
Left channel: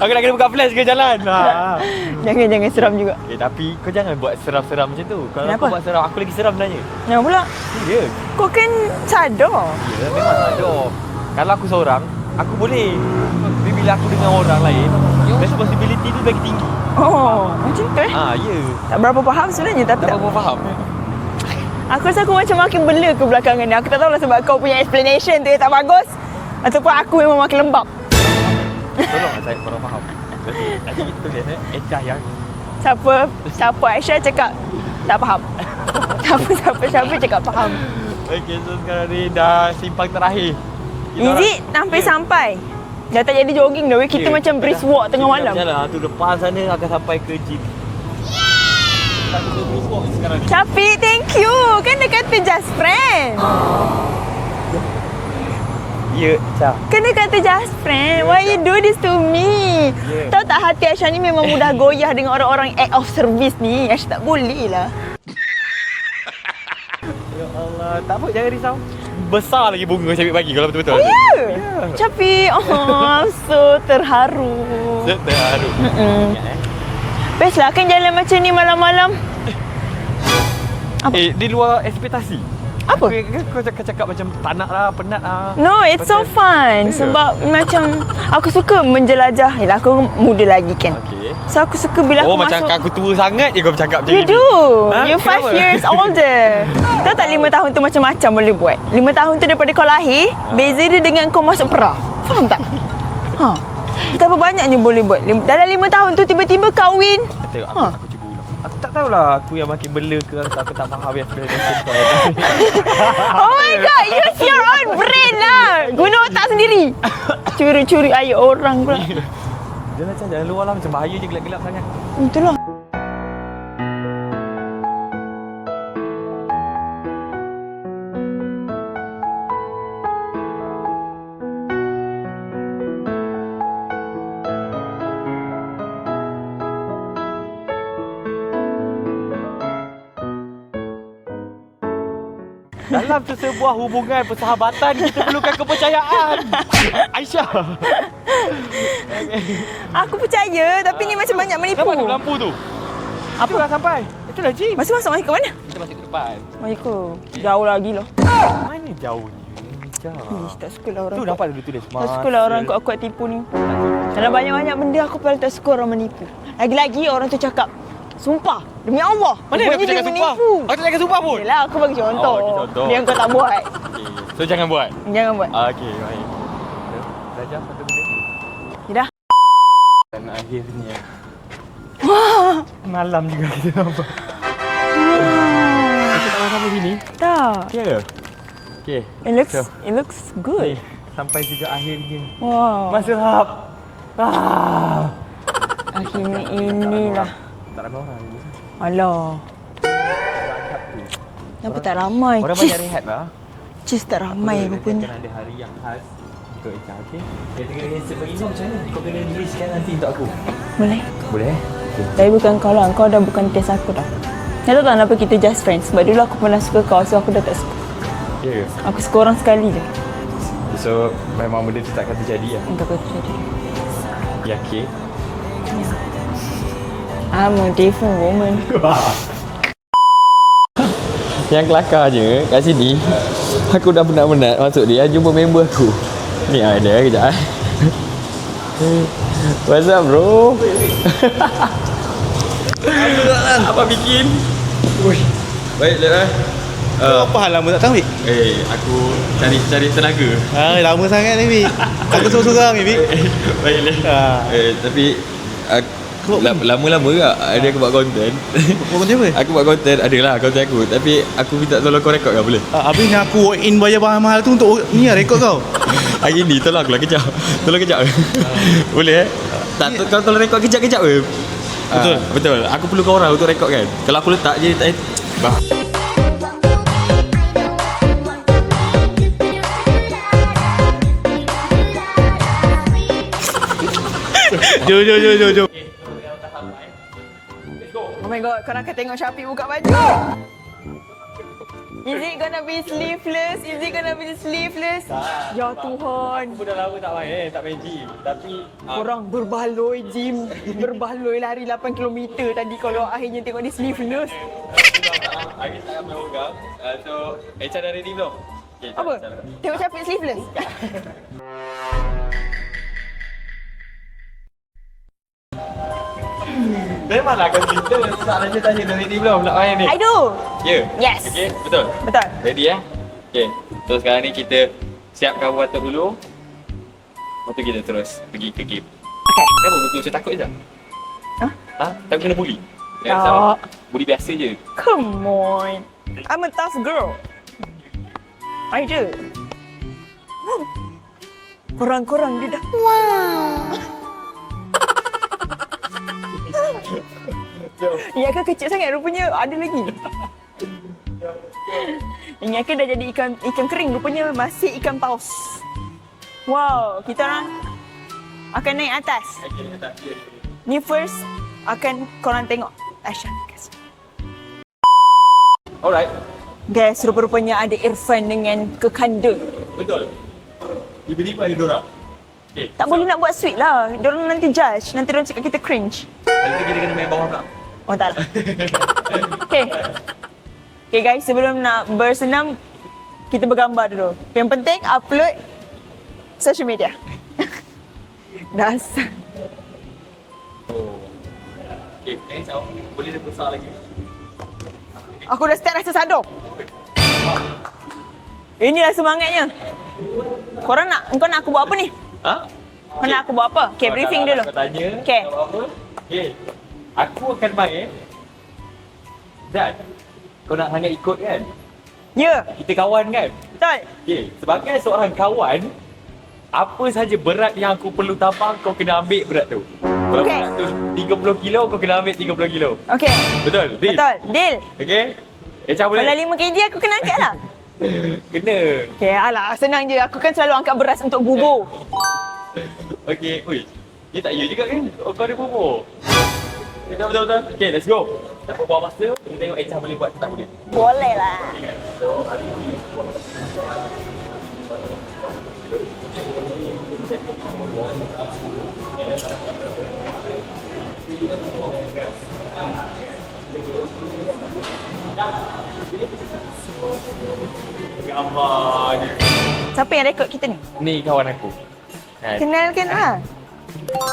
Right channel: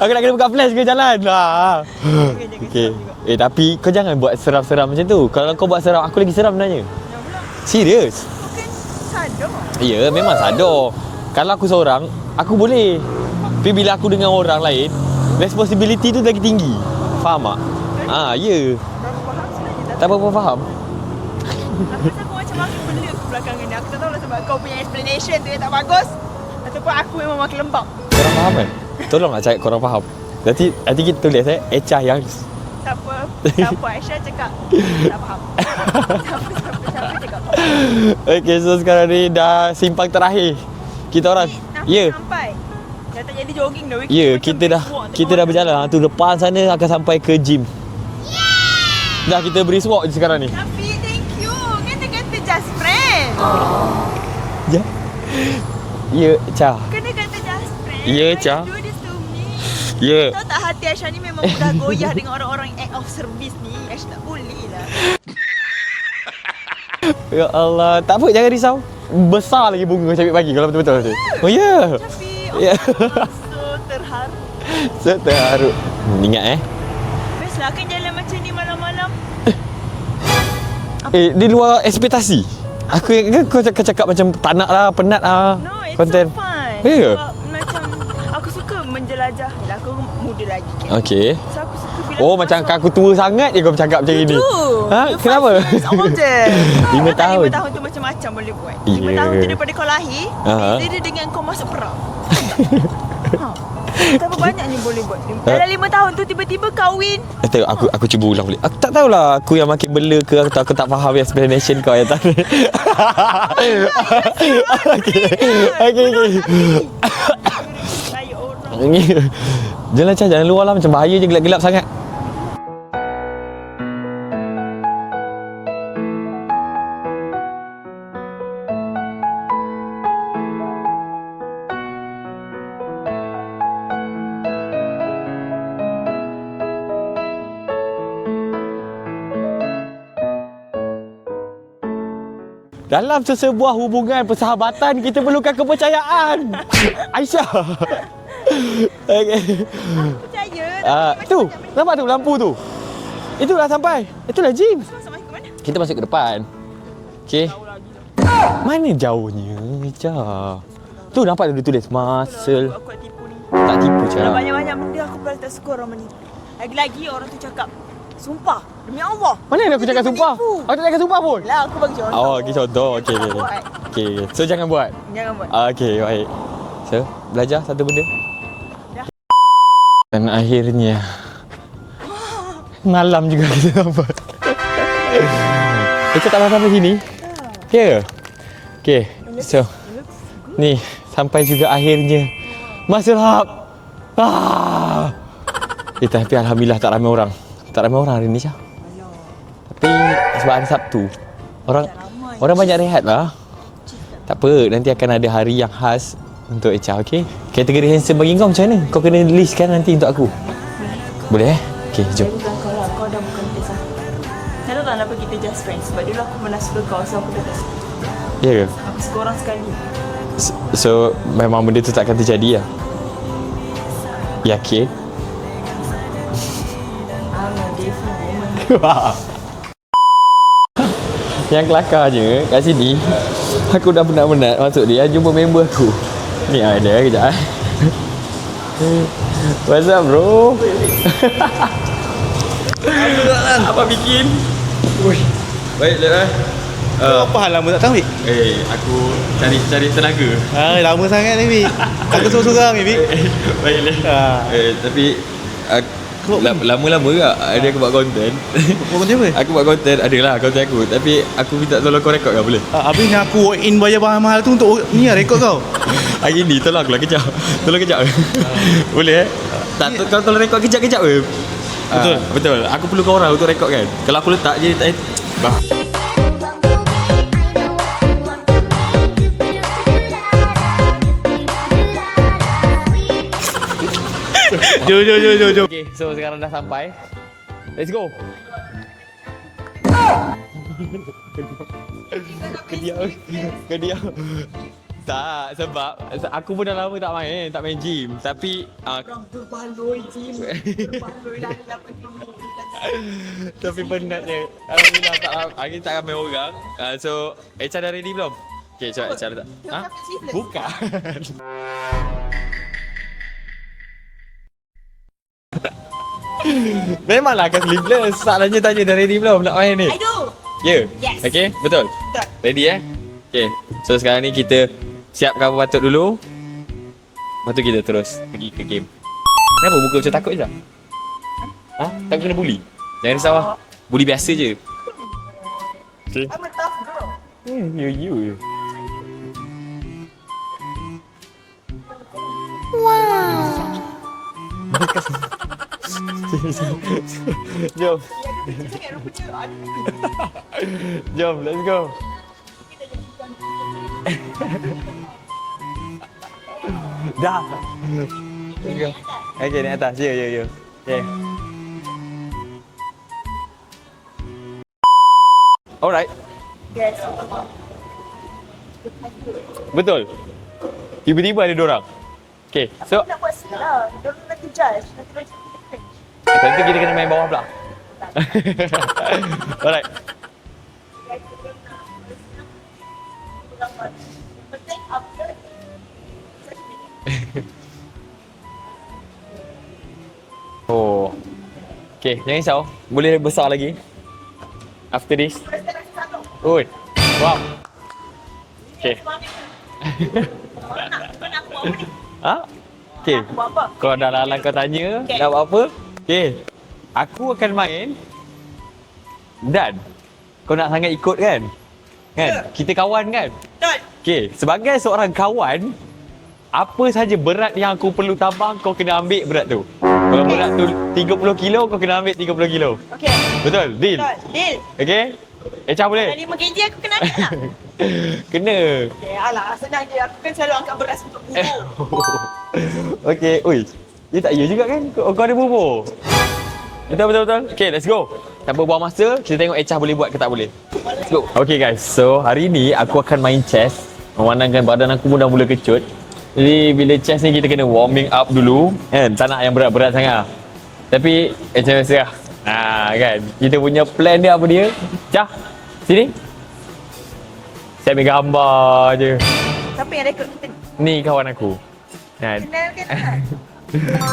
Aku nak kena buka flash ke jalan. Jangan seram juga. Tapi kau jangan buat seram-seram macam tu. Kalau Kenapa? kau buat seram, aku lagi seram sebenarnya. Kenapa pula? Serius. Kau kan sadar. Ya, memang sadar. Kalau aku seorang, aku boleh. Tapi bila aku dengan orang lain, responsibility tu lagi tinggi. Faham tak? Macam tu Ya. Tak berapa faham sebenarnya, tapi Tak berapa faham. aku rasa aku macam makin bela ke belakangan ni. Aku tak tahulah sebab kau punya explanation tu yang tak bagus, ataupun aku memang makin lembab. Korang faham kan? Tolonglah cakap korang faham. Nanti kita tulis Echa yang Siapa Aisyah cakap tak faham. Siapa cakap faham. Okay, so sekarang ni dah simpang terakhir. Kita Sampai dah tak jadi jogging dah. Kita macam brisk walk tengah kita malam. Dah berjalan tu depan sana akan sampai ke gym. Dah kita brisk walk je sekarang ni. Syafiq, thank you. Kan dia kata just friend. Ya, Cha. Kan dia kata just friend. Ya, Why Cha. you do this to me? Ya. Tahu tak hati Aisyah ni memang mudah goyah dengan orang-orang act of service ni. Aisyah tak boleh lah. Ya Allah, tak apa, jangan risau. Besar lagi bunga Syafiq pagi kalau betul-betul. Oh ya. Syafiq, so terharu. Saya terharu. Ingat Best lah kan jalan macam ni malam-malam. di luar ekspektasi. Apa? Aku cakap macam tak nak lah, penat lah. No, it's so fun. Yeah. Sebab macam aku suka menjelajah. Yelah, aku muda lagi kan. Okay. So aku suka bila aku macam masuk. aku tua sangat je kau bercakap macam You ni. do. You 5 Kenapa? years older. Tahu tak 5 tahun tu macam-macam boleh buat. 5 Yeah. tahun tu daripada kau lahir, beza dia dengan kau masuk pra. Faham tak? Betapa banyaknya boleh buat. Dalam 5 tahun tu tiba-tiba kahwin. Tengok aku cuba ulang balik. Aku tak tahulah aku yang makin bela ke aku tak faham explanation kau yang Oh my god, use your own brain lah. Guna otak sendiri. Curi-curi air orang pula. Jangan Cah, jangan luar lah. Macam bahaya je gelap-gelap sangat. Betul lah. Dalam sesebuah hubungan persahabatan, kita perlukan kepercayaan. Aisyah. Okay. Aku percaya, tapi ni macam banyak menipu. Kenapa tu lampu tu? Itu dah sampai. Itulah Jim. Masuk ke mana? Kita masuk ke depan. Assalamualaikum. Okey. Jauh lagi lah. Mana jauhnya? Aisyah. Tak suka lah orang. Tu nampak dia tulis Tak suka lah orang masa. kuat-kuat tipu ni. Tak tipu Ada Cah. banyak-banyak benda aku paling tak suka orang menipu. Lagi-lagi orang tu cakap, sumpah, demi Allah. Mana ada aku Rupanya cakap dia sumpah? menipu. Aku tak cakap sumpah pun. Yelah, aku bagi contoh. Oh, bagi contoh. Dia kau tak buat. Okey. So jangan buat. Jangan buat. Okey, baik. So, belajar satu benda. Dah. Dan akhirnya malam juga kita dapat. Kita tak makan sini. Tak. Okey. Okey. It looks good. Ni sampai juga akhirnya. Wow. Masrap. Tapi alhamdulillah tak ramai orang. Tak ramai orang hari ni Syah. Alah. Tapi sebab hari Sabtu. Tapi tak ramai. Orang banyak rehat lah. Cheese tak ramai. Tak apa, nanti akan ada hari yang khas untuk Echa, okey? Kategori handsome bagi kau macam mana? Kau kena listkan nanti untuk aku. Boleh. Boleh eh? Okey, Saya jom. bukan kau lah. Kau dah bukan test aku dah. Tak tahu kenapa kita just friends. Sebab dulu aku pernah suka kau, so aku dah tak suka. Ya ke? Aku suka orang sekali je. So, memang benda tu takkan terjadi lah. Tak apa. Yakin? I'm a different woman. Yang kelakarnya kat sini, aku dah penat-penat masuk dia jumpa member aku. Ni ada kejap eh. What's up bro? Apa bikin? Baik dah. Apa hal lama tak tahu, Mik? Aku cari tenaga. Lama sangat ni, Mik. Aku sorang-sorang ni, Mik. Baiklah. Tapi lama-lama tak ada aku buat konten. Kau konten apa? Aku buat konten, adalah konten aku. Tapi aku minta tolong kau rekod kau boleh? Habis ni aku walk in bayar mahal-mahal tu untuk ni lah rekod kau. Hari ni tolong aku lah kejap. Tolong kejap. Boleh eh? Tak, kau tolong rekod kejap-kejap ke? Betul. Betul. Aku perlukan orang untuk rekod kan. Kalau aku letak je tak bah. Jom. Okay, so sekarang dah sampai. Let's go. Oh my god, kau nak tengok Syafiq buka baju. Is it gonna be sleeveless? Is it gonna be sleeveless? Tak, Ya sebab Tuhan. aku pun dah lama tak main gym. Tapi Korang berbaloi gym. Berbaloi lari 8 km tadi kalau akhirnya tengok dia tapi sleeveless. penatnya hari tak ramai orang. So, Echa dah ready belum? Okay, Echa dah. Tengok Syafiq sleeveless. Bukan. Memanglah akan sleeveless. Salahnya tanya dah ready belum nak main ni? I do. Ya? Yes. Okay, betul? Betul. Ready eh? Okay. So sekarang ni kita siapkan patut dulu. Lepas tu kita terus pergi ke game. Okay. Kenapa muka macam takut je? Hah? Ha? Tak kena bully? Jangan risau. Tak. Bully biasa je. Come on. Okay. I'm a tough girl. You. I do. Korang-korang dia dah. Jom. Yang akan kecil sangat rupanya ada lagi. Jom, let's go. Yang akan dah jadi ikan kering rupanya masih ikan paus. Wow, kita akan naik atas. Okay, naik atas. Ya. Ni first akan korang tengok Aisyah. Alright. Guys, rupa-rupanya ada Irfan dengan Kekanda. Betul. Tiba-tiba ada dorang. Okay, Tak boleh nak buat sweet lah. Diorang nanti judge. Nanti diorang cakap kita cringe. Nanti kita kena main bawah pula. Oh tak lah. Okay. Alright. Okay guys, sebelum nak bersenam, kita bergambar dulu. Yang penting upload social media. Dasar. Oh. Okay, jangan risau. Boleh besar lagi. After this. Aku dah start rasa sadar. Oi. Wow. Inilah Okay. semangatnya. Kau nak aku buat apa ni? Ha? Kau nak aku buat apa? Okay, Kau briefing dah dulu. kau tanya Okay. nak buat apa? Okay. Aku akan main. Dan kau nak sangat ikut kan? Ya. Kita kawan kan? Betul. Okay. Sebagai seorang kawan, apa saja berat yang aku perlu tambah, kau kena ambil berat tu. Kalau Okey. berat tu 30 kilo, kau kena ambil 30 kilo. Okey. Betul? Deal? Betul. Deal. Okey? Echa boleh? Kalau 5 kg aku kena angkat lah. Kena. Okey, alah senang je. Aku kan selalu angkat beras untuk bubur. Okey, oi. Dia tak ya juga kan? Kau ada bubur. Betul. Okey, let's go. Tanpa buang masa, kita tengok Echa boleh buat ke tak boleh. Boleh Let's go. lah. Okay guys, so hari ni aku akan main chess. Memandangkan badan aku pun dah mula kecut. Jadi bila chess ni kita kena warming up dulu. Kan, tak nak yang berat-berat sangat. Tapi macam biasa lah. Kan, kita punya plan dia apa dia? Cah, sini. Saya ambil gambar je. Siapa yang rekod kita ni? Ni kawan aku. Kan. Kenalkan lah.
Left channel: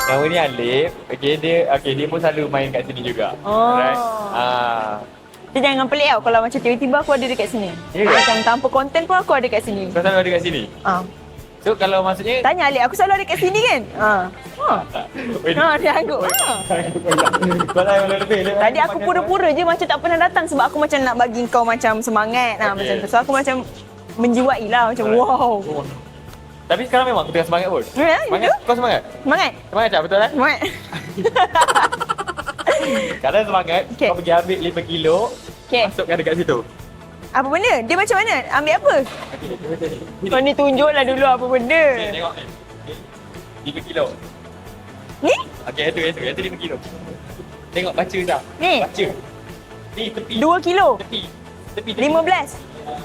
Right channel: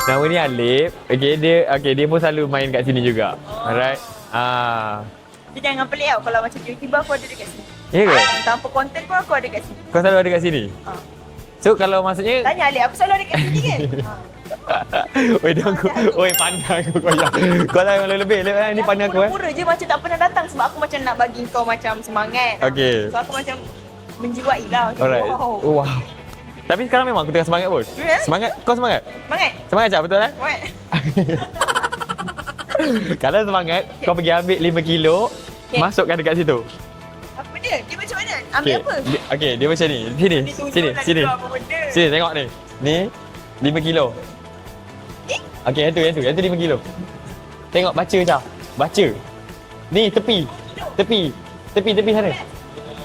Nama ni Alif. Dia pun selalu main kat sini juga. Oh. Alright. Dia jangan pelik tau kalau macam tiba-tiba aku ada dekat sini. Ya ke? Macam tanpa konten pun aku ada kat sini. Kau selalu ada kat sini? So kalau maksudnya Tanya Alif, aku selalu ada kat sini kan? Oi, No, dia aku. Oi, pandai kau dah lebih Tadi aku pura-pura je macam tak pernah datang sebab aku macam nak bagi kau macam semangat lah, Okey. macam tu. So aku macam menjiwai lah macam wow. Tapi sekarang memang aku tengah semangat pun. Ya, Semangat? Kau semangat? Semangat? Semangat Cak, betul kan? Semangat? Kadang semangat, Okey. kau pergi ambil 5 kilo, Okey. masukkan dekat situ. Apa benda? Dia macam mana? Ambil apa? Okey, dia macam ni. Sini. Kau ni tunjuklah sini, dulu sini. apa benda. Sini, tengok ni. Ni 5 kilo. Ni? Okey, yang tu 5 kilo. Tengok, baca Cak. Ni? Baca. Ni, tepi. 2 kilo? Tepi sana.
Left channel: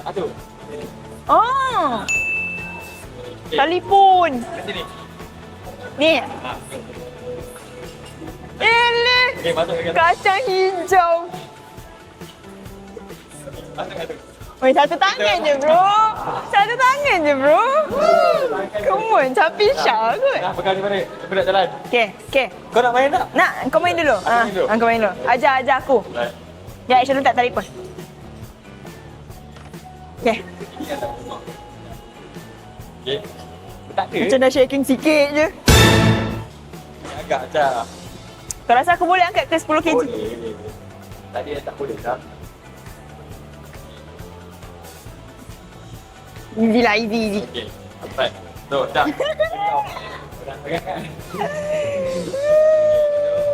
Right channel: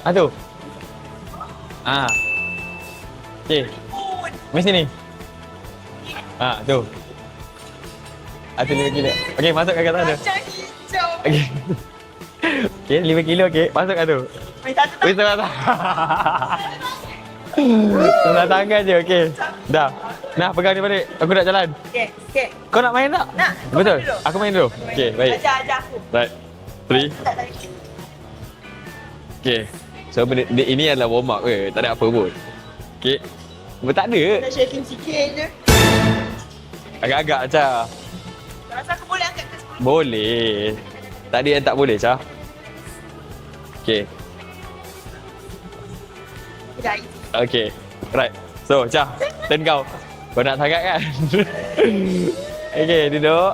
15? Tu. Oh, Okey. telefon. Mari sini. Ni, Tu. Aku ni kilo. Okey, masukkan kat sana. kacang hijau. Okey. Okey, 5 kilo okey. Masukkan tu. Weh, satu tangan je bro. Satu tangan je bro. Tengah tangan je, okey. Come on, tapi Dah. Syah kot. Nak pegang dia balik. Aku nak jalan. Okey. Kau nak main tak? Nak, kau main Betul? dulu. Aku main dulu? Kau main Okey, dulu. baik. Ajar aku. Baik. Ya, macam letak telefon. Okey. So, Okey. ini adalah warm up ke? Tak ada apa pun. Okey. Tak ada. Macam dah shaking sikit je. Agak-agak, Cah. Kau rasa aku boleh angkat ke 10 kg? Boleh. Tak ada yang tak boleh, Cah. Okey. Easy lah, easy. Okey. Right. So, Cah. Turn kau. Kau nak sangat kan? Okey, duduk.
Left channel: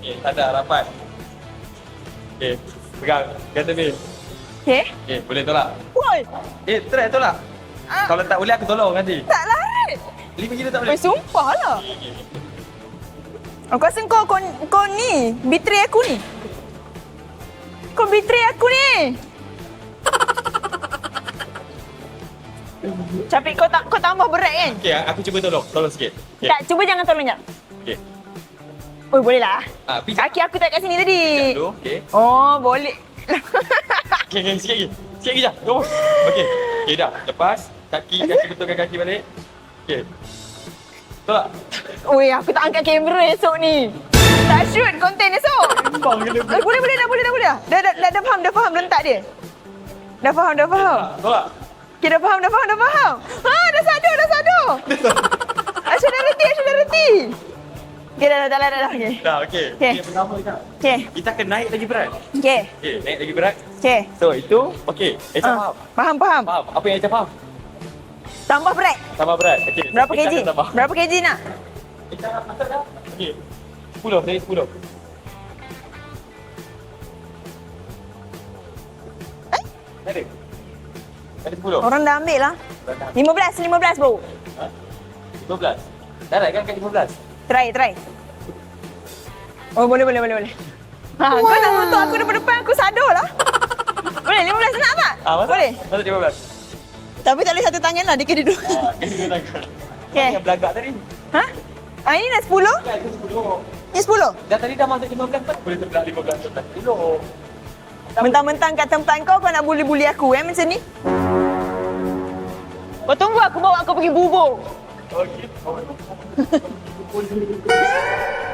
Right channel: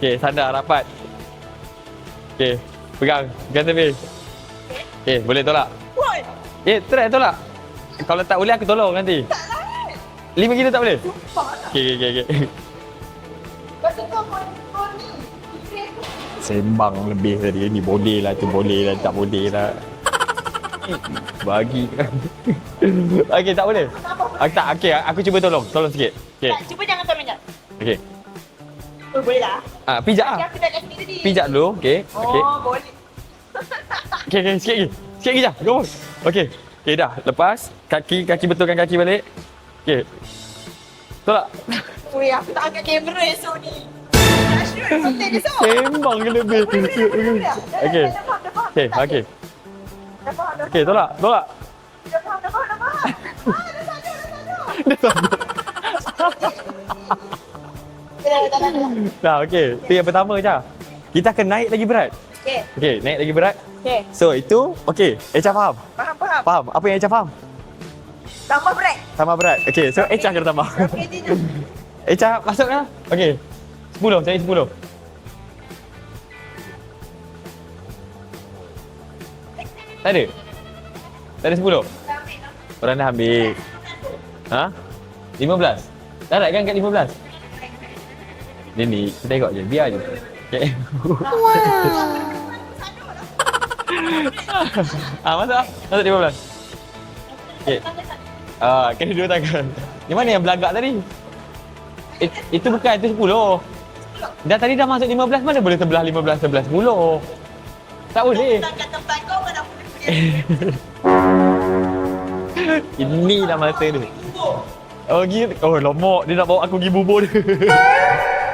Okey, sadar rapat. Okey, pegang. Pegang tepi. Okey. Okey, boleh tolak? What? Okey, try tolak. Kalau tak boleh, aku tolong nanti. Tak lah. 5 kilo tak boleh? Sumpah lah. Okey. Aku rasa kau ni betray aku ni. Sembang lebih tadi. Ni Kau boleh betray lah. aku ni. Tak boleh lah. Bagi kan. Tapi Okey, tak boleh. kau tambah berat Tak, kan? okey. Aku cuba tolong. Tolong sikit. Okey. Tak, cuba jangan tolong jap. Okey. Oh, boleh lah. Pijak Kaki lah. aku tak kat sini tadi. Pijak dulu. Okey. Oh, boleh. Okey, sikit lagi. Sikit lagi je. Go. Okey. Okey, dah. Lepas. Kaki betulkan kaki balik. Okey. Tolak. Weh, aku tak angkat kamera esok ni. Tak shoot konten esok. Sembang ke lebih. Boleh. Dah Okey. dah faham Okey, letak dia. okey. Dah faham. Okey, tolak. Okey, dah faham. Dah sadar. Asyik dah reti. Okey, dah. Okey. Dah, okey. Okey. Itu yang pertama je. Okey. Kita akan naik lagi berat. Okey. Okey, naik lagi berat. Okey. So, itu okey. Echa faham? Faham. Faham. Apa yang Echa faham? Tambah berat. Tambah berat. Okey, so Berapa Echa kg? kena tambah. Berapa kg nak? Echa masuk dah. Okey. 10, saya 10. Tak ada? Tak ada 10? Orang dah ambil lah. Orang dah ambil. 15 baru. Ha? 15? Tak nak kan kat 15? Try. Ni, kita tengok je. Biar Oh, boleh. Okey. Ha, kau tonton aku depan aku sadar lah. Boleh 15 nak tak? Masuk? Boleh. Masuk 15. Tapi tak boleh satu Okey. tangan lah, dia kena duduk. Kena dua tangan. Di mana Okey. yang belagak tadi? Ha? Ini dah Itu 10? bukan, itu 10. Ini 10? Dah tadi dah masuk 15, mana boleh terbelah 15, 11, 10. Tak boleh. Mentang-mentang kat tempat kau nak bully-bully aku macam ni. Ini Kau tunggu dah aku bawa masa kau dia. pergi bubur. Oh, gitu. Oh, lomok. Dia nak bawa aku pergi bubur dia.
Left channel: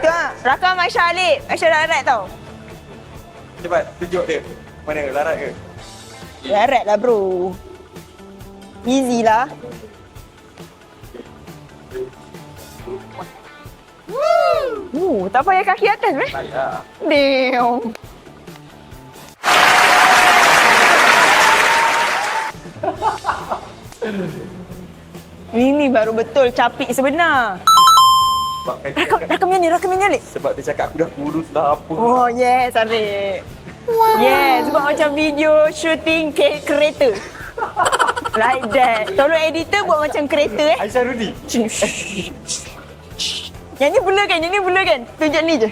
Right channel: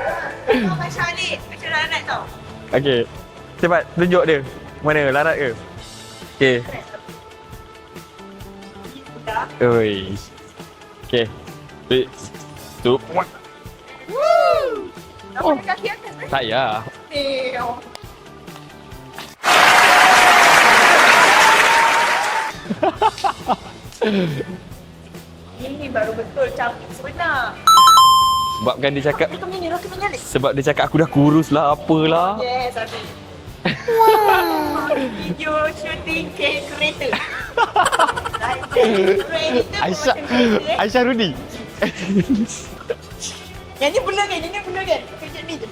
Tu lah, rakam Aisyah Alif. Aisyah larat tau. Okey. Cepat, tunjuk dia. Mana, larat ke? Okey. Larat lah bro. Easy lah. Oi. Okey. 3, 2, 1. Tak payah kaki atas weh. Tak payah. Damn. Ini baru betul capik sebenar. Sebabkan dia cakap Rakamnya ni. sebab dia cakap aku dah kurus lah apalah. Oh yes, adik. Yes, sebab macam video shooting kereta. Like that. Tolong editor buat macam kereta Aisyah Rudi. Yang ni blur kan? Tunjuk ni je.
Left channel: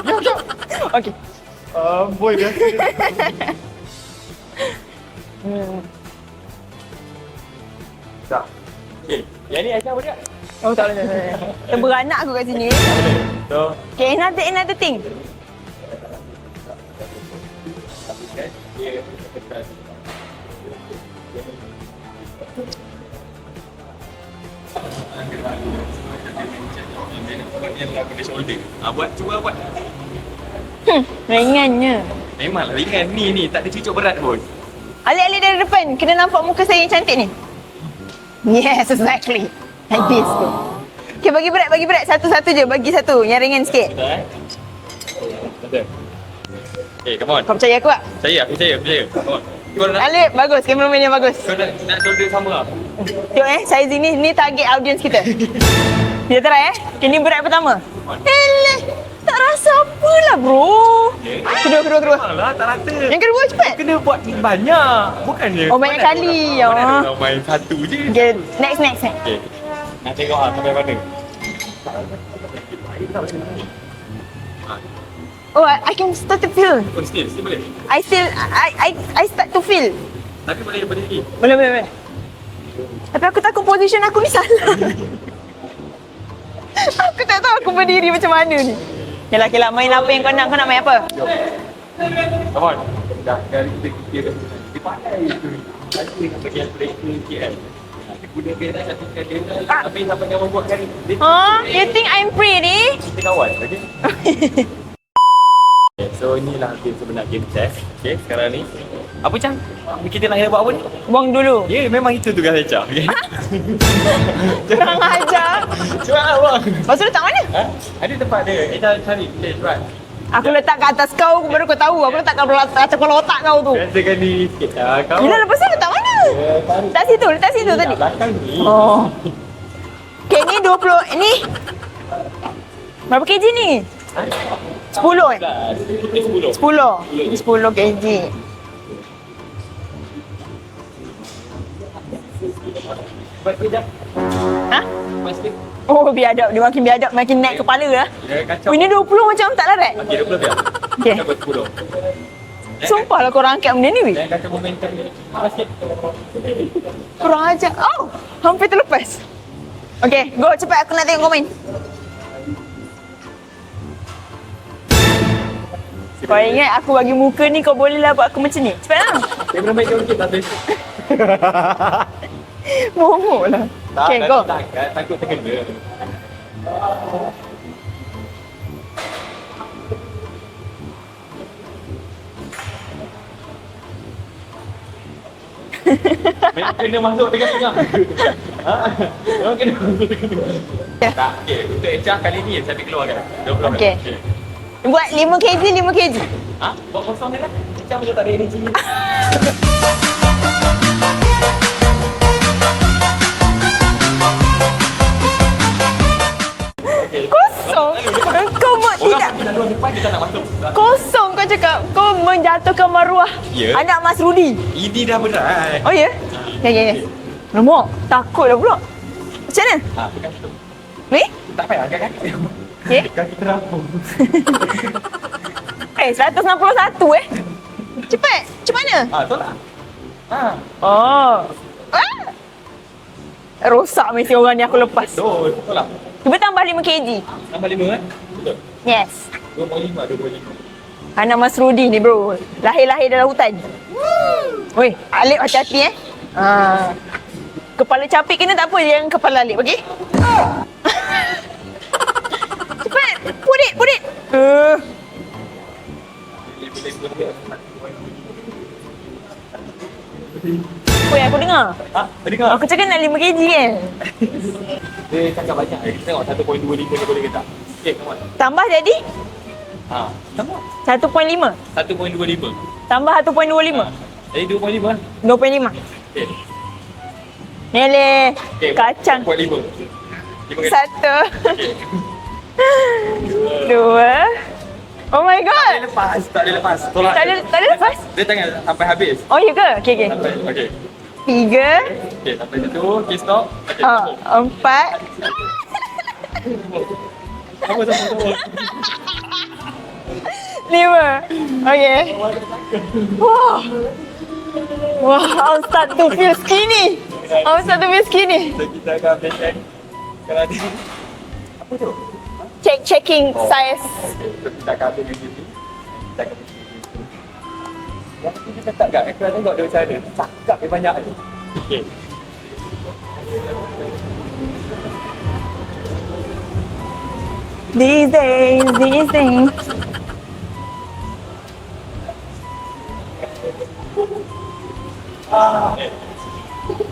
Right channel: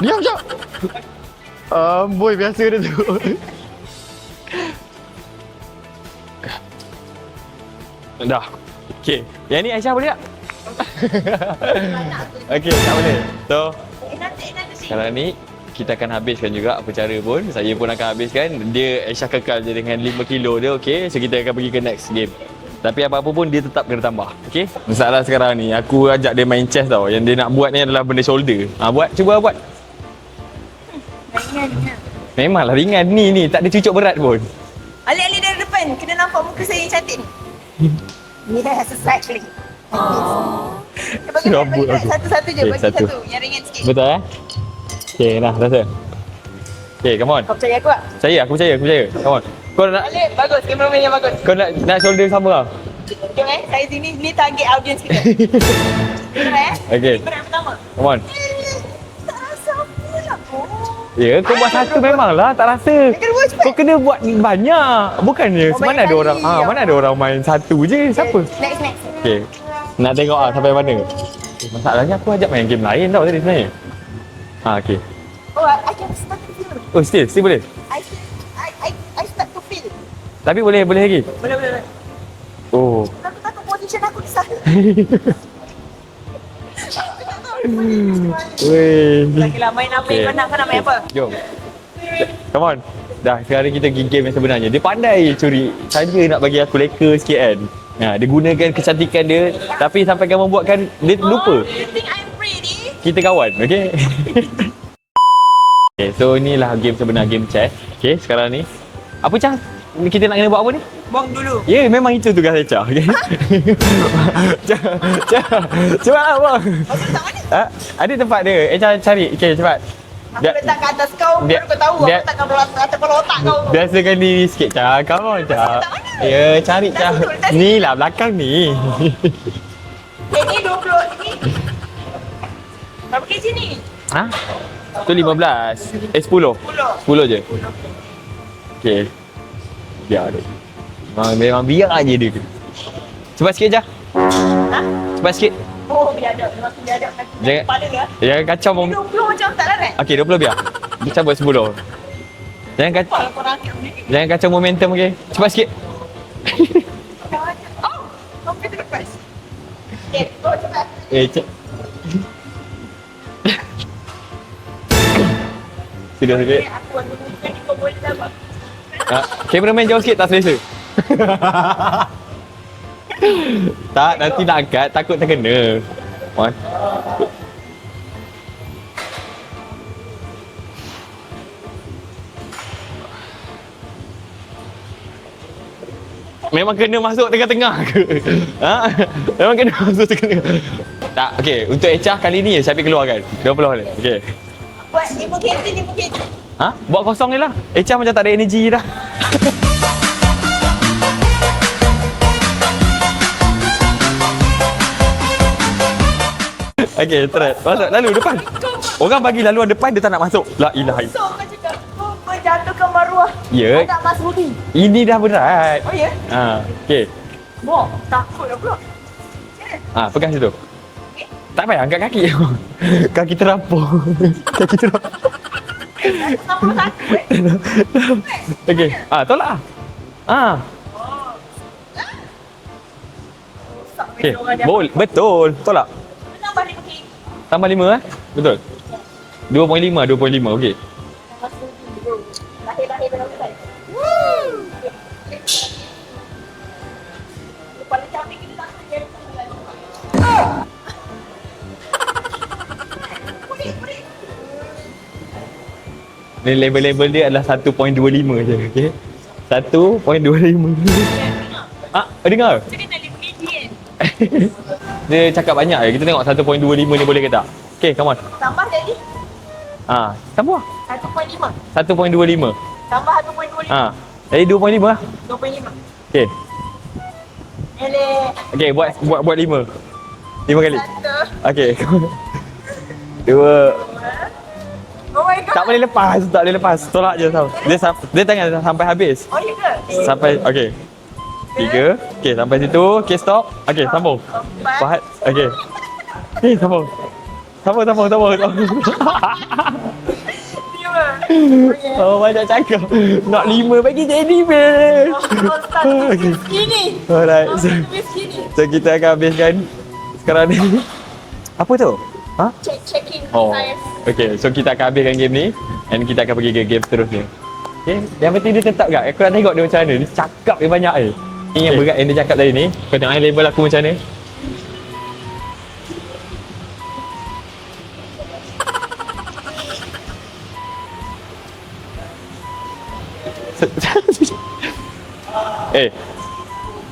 Diam. Okey. Boy biasa dia tu. Dah. Okey. Yang ni Aisyah boleh tak? Oh tak boleh. Beranak aku kat sini. Okey. So, Okay, another thing. sekarang ni kita akan habiskan juga apa cara pun. Saya pun akan habiskan. Dia Aisyah kekal je dengan 5 kilo dia, okey. So kita akan pergi ke next game. Tapi apa-apa pun dia tetap kena tambah, okey. Masalah sekarang ni aku ajak dia main chess tau. Yang dia nak buat ni adalah benda shoulder. Cuba buat. Ringannya. Memanglah ringan ni tak ada cucuk berat pun. Alik-alik dari depan. Kena nampak muka saya yang cantik ni. Yes, exactly. Like this. Okay, bagi berat. Satu-satu je. Okay, Bagi satu. satu. Yang ringan sikit. Betul Okey, dah rasa. Okey, come on. Kau percaya aku tak? Aku percaya. Come on. Kau nak Alip, bagus. Kameraman yang bagus. shoulder sama lah. Tengok saiz ini. Ni target audience kita. Dia try Okay. Ini berat pertama. Come on. Tak rasa apalah bro. Ya, kau buat satu memanglah tak rasa. Yang kedua cepat. Kau kena buat banyak. Bukannya Oh, banyak mana ada kali, orang ya. mana ada orang main satu je. Okay. Siapa? Next. Okey. Nak tengok lah sampai mana. Masalahnya aku ajak main game lain tau tadi sebenarnya. Okey. Oh, I can start to feel. Oh, still boleh. I start to feel. Tapi boleh lagi. Boleh. Oh. Tapi aku takut position aku ni salah. Aku tak tahu aku berdiri macam mana ni. Weh. Okeylah, main apa yang kau nak main apa? Jom. Come on. Dah, sekarang kita pergi game yang sebenarnya. Dia pandai curi. Saja nak bagi aku leka sikit kan. Dia gunakan kecantikan dia. Tapi sampai kamu buatkan, dia lupa. You think I'm pretty? Kita kawan, okey? Okay, so inilah game sebenar, game chess. Okey, sekarang ni. Apa Cang? Kita nak buat apa ni? Buang dulu. Ya, memang itu tugas Aisyah, okey? Kurang ajar. Cepat lah, bang. Lepas tu letak mana? Ada tempat dia. Aisyah cari. Okey, cepat. Aku letak kat atas kau, baru kau tahu. Aku letak kat atas kepala otak kau tu. Biasakan diri sikit, Cang. Kau Yelah, lepas tu Cang. letak mana? Ya, cari Letak Cang. situ, letak situ Ni tadi. lah, belakang ni. Oh. Okay, ni 20. Ni. Berapa kg ni? Ha? 10, 15. 10. 10 je. 10 kg. Okey. Biar dia. Memang biar je dia. Cepat sikit je. Ha? Cepat sikit. Oh, biadab. Dia makin biadab, makin naik Jangan- kepala lah. Jangan kacau. Ini 20 macam tak larat. Okey, 20 biar. Okey. Cabut 10. Sumpah lah korang angkat benda ni. weh. Jangan kacau momentum, okey. Cepat sikit. Kurang ajar. Oh, hampir terlepas. Okay, go cepat. Aku nak tengok kau main. Sudah. Kau ingat aku bagi muka ni, kau bolehlah buat aku macam ni. Cepat lah. Kameraman jauh sikit, tak selesa. Bohong lah. Tak, Okay, nanti go. nak angkat, takut terkena. One. Memang kena masuk tengah-tengah ke? Ha? Memang kena masuk tengah-tengah. Tak, okey. Untuk Echa kali ni Syafiq keluarkan. 20. Okey. Okey. Buat 5 kg, 5 kg. Ha? Buat kosong je lah. Echa macam tak ada energi dah. Okey, try. Masuk lalu depan. Kau buat Orang bagi laluan depan dia tak nak masuk. La ilaha. kosong kau cakap. Kau menjatuhkan maruah Ya. anak Mas Rudi. Ini dah berat. Oh ya? Ha. Okay. Okey. Nombor. Takut dah pula. Macam mana? Ha, pegang situ. Ni? Tak payah angkat kaki. Okey. Kaki terapung. 161 Cepat. Macam mana? Ha, tolak. Ha. Oh. Ah. Rosak mesti orang ni aku Boleh. lepas. Betul. Tolak. Cuba tambah 5 kg. Tambah 5 Betul. Yes. 2.5. Okey. Anak Mas Rudi ni bro. Lahir-lahir dalam hutan. Weh, Alip hati-hati Kepala capit kena tak apa, yang kepala Alip, okey? Cepat, put it. Ni level-level dia adalah 1.25 je. Okey. 1.25. Weh, aku dengar. Ha, dengar. Aku cakap nak 5 kg kan? Dia cakap banyak je. Kita tengok 1.25 ni boleh ke tak? Okey, come on. Tambah jadi Ha, tambah. 1.5. 1.25. Tambah 1.25. Ha. Jadi 2.5 lah. 2.5. Okey. Lele. Okay, Kacang. buat 5. 5 kali. 1, Okay. 2. 2. Oh my god. Tak boleh lepas. Tolak Tak dia boleh- tau. tak boleh lepas? Dia tangan sampai habis. Oh, ya ke? Okay. Sampai, okay. 3. 3. Okay, sampai situ. Okay, stop. Okay, sambung. 4. Fahad. Okay. Okay, sambung. Sambung. 5. Okay. Oh, banyak cakap. Nak 5 bagi jadi ber. Wow, start to feel skinny. Alright. Oh, start to feel skinny. So, kita akan habiskan sekarang ni. Apa tu? Ha? Checking size. Okay, so kita akan habiskan game ni. And kita akan pergi ke game seterusnya. Okay, yang penting dia tetap tak? Aku nak tengok dia macam mana. Dia cakap dia banyak Ini yang berat yang dia cakap tadi ni. Kau tengok level aku macam mana. These days.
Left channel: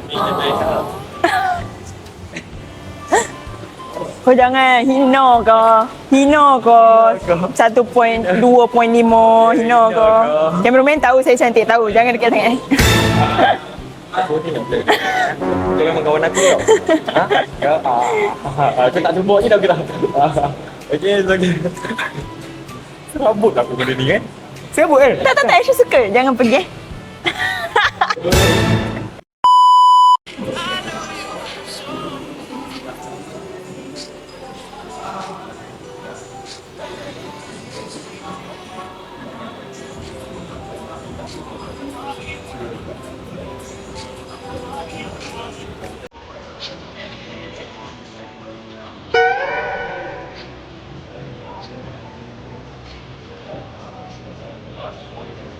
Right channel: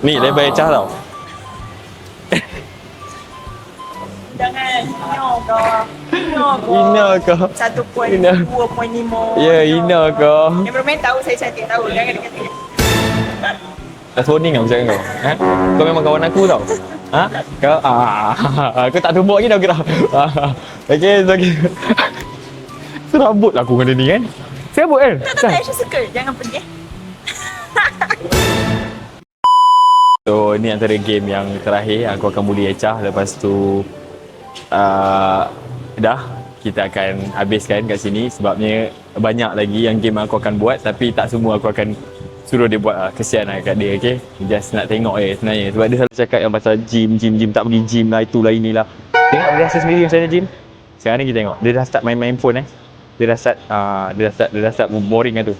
Ni level Echah tau. Kau jangan hina kau. 1.2.5 Ya, hina kau. Cameraman tahu saya cantik, tahu. Jangan dekat sangat. Dah soning kau macam kau. Ha? Kau memang kawan aku tau. Ha? Kau aku tak tumbuk lagi dah kau. Okay, so okay. Serabut lah aku dengan dia ni kan. Serabut kan? Tak, Aisyah suka. Jangan pergi. So ni antara game yang terakhir aku akan bully Echah. Lepas tu dah kita akan habiskan kat sini sebabnya banyak lagi yang game aku akan buat tapi tak semua aku akan suruh dia buat lah. Kesian lah kat dia, okay? Just nak tengok sebenarnya sebab dia selalu cakap yang pasal gym tak pergi gym lah, itulah inilah. Tengok dia rasa sendiri macam mana gym. Sekarang ni kita tengok dia dah start main phone dia dah start boring lah tu.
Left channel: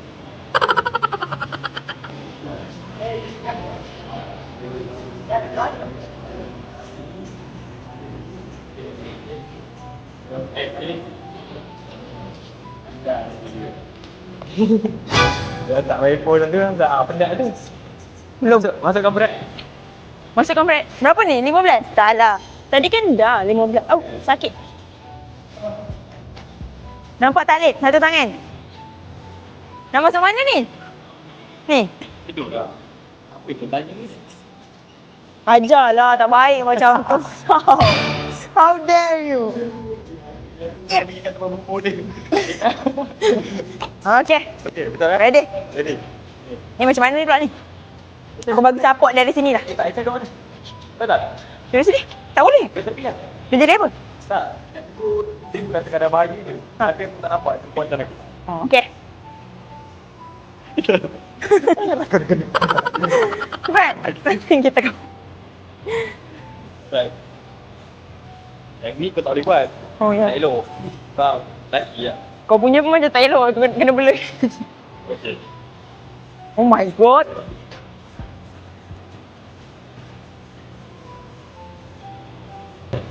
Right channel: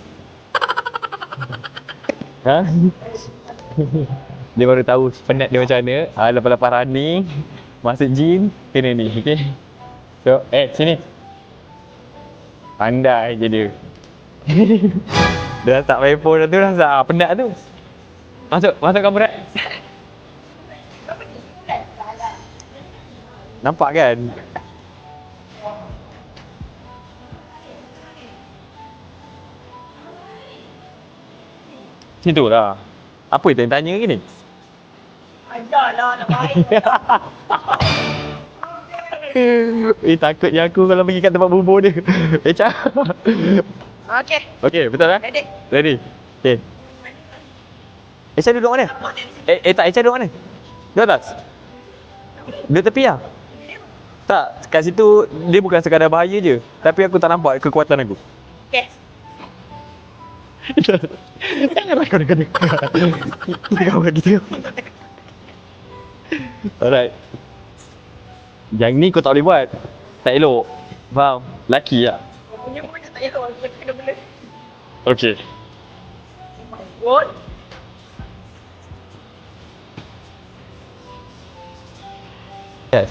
Ha? Dia baru tahu penat dia macam mana. Lepas-lepas running, masuk gym, kena ni, okay? So, sini. Pandai je dia. Dia tak main phone tu dah penat tu. Masuk kamerat. Masuk kamerat. Berapa ni? 15? Tak lah. Tadi kan dah 15. Nampak kan? Sakit tak? Nampak tak, Lid? Satu tangan. Nak masuk mana ni? Ni. Situ lah. Apa yang tanya ke ni? Ajarlah, tak baik macam aku. How dare you? Takutnya aku kalau pergi kat tempat bubur dia. Echah. Okay. Okay, betul lah? Ready? Ready. Okay. Ni macam mana ni pula ni? Echah Aku duduk baru mana? support dari sini lah. Tak, Echah duduk mana? Di atas? Dari sini? Tak boleh. Dia tepi lah. Dia jadi apa? Tak, kat situ dia bukan sekadar bahaya je. Tapi aku tak nampak kekuatan aku. Oh, okay. Janganlah kau dengar. Kita kau. Alright. Yang ni kau tak boleh buat. Oh, ya. Tak elok. Faham? Laki lah. Kau punya pun macam tak elok. Aku kena bela. Okay. Oh my god. Yes.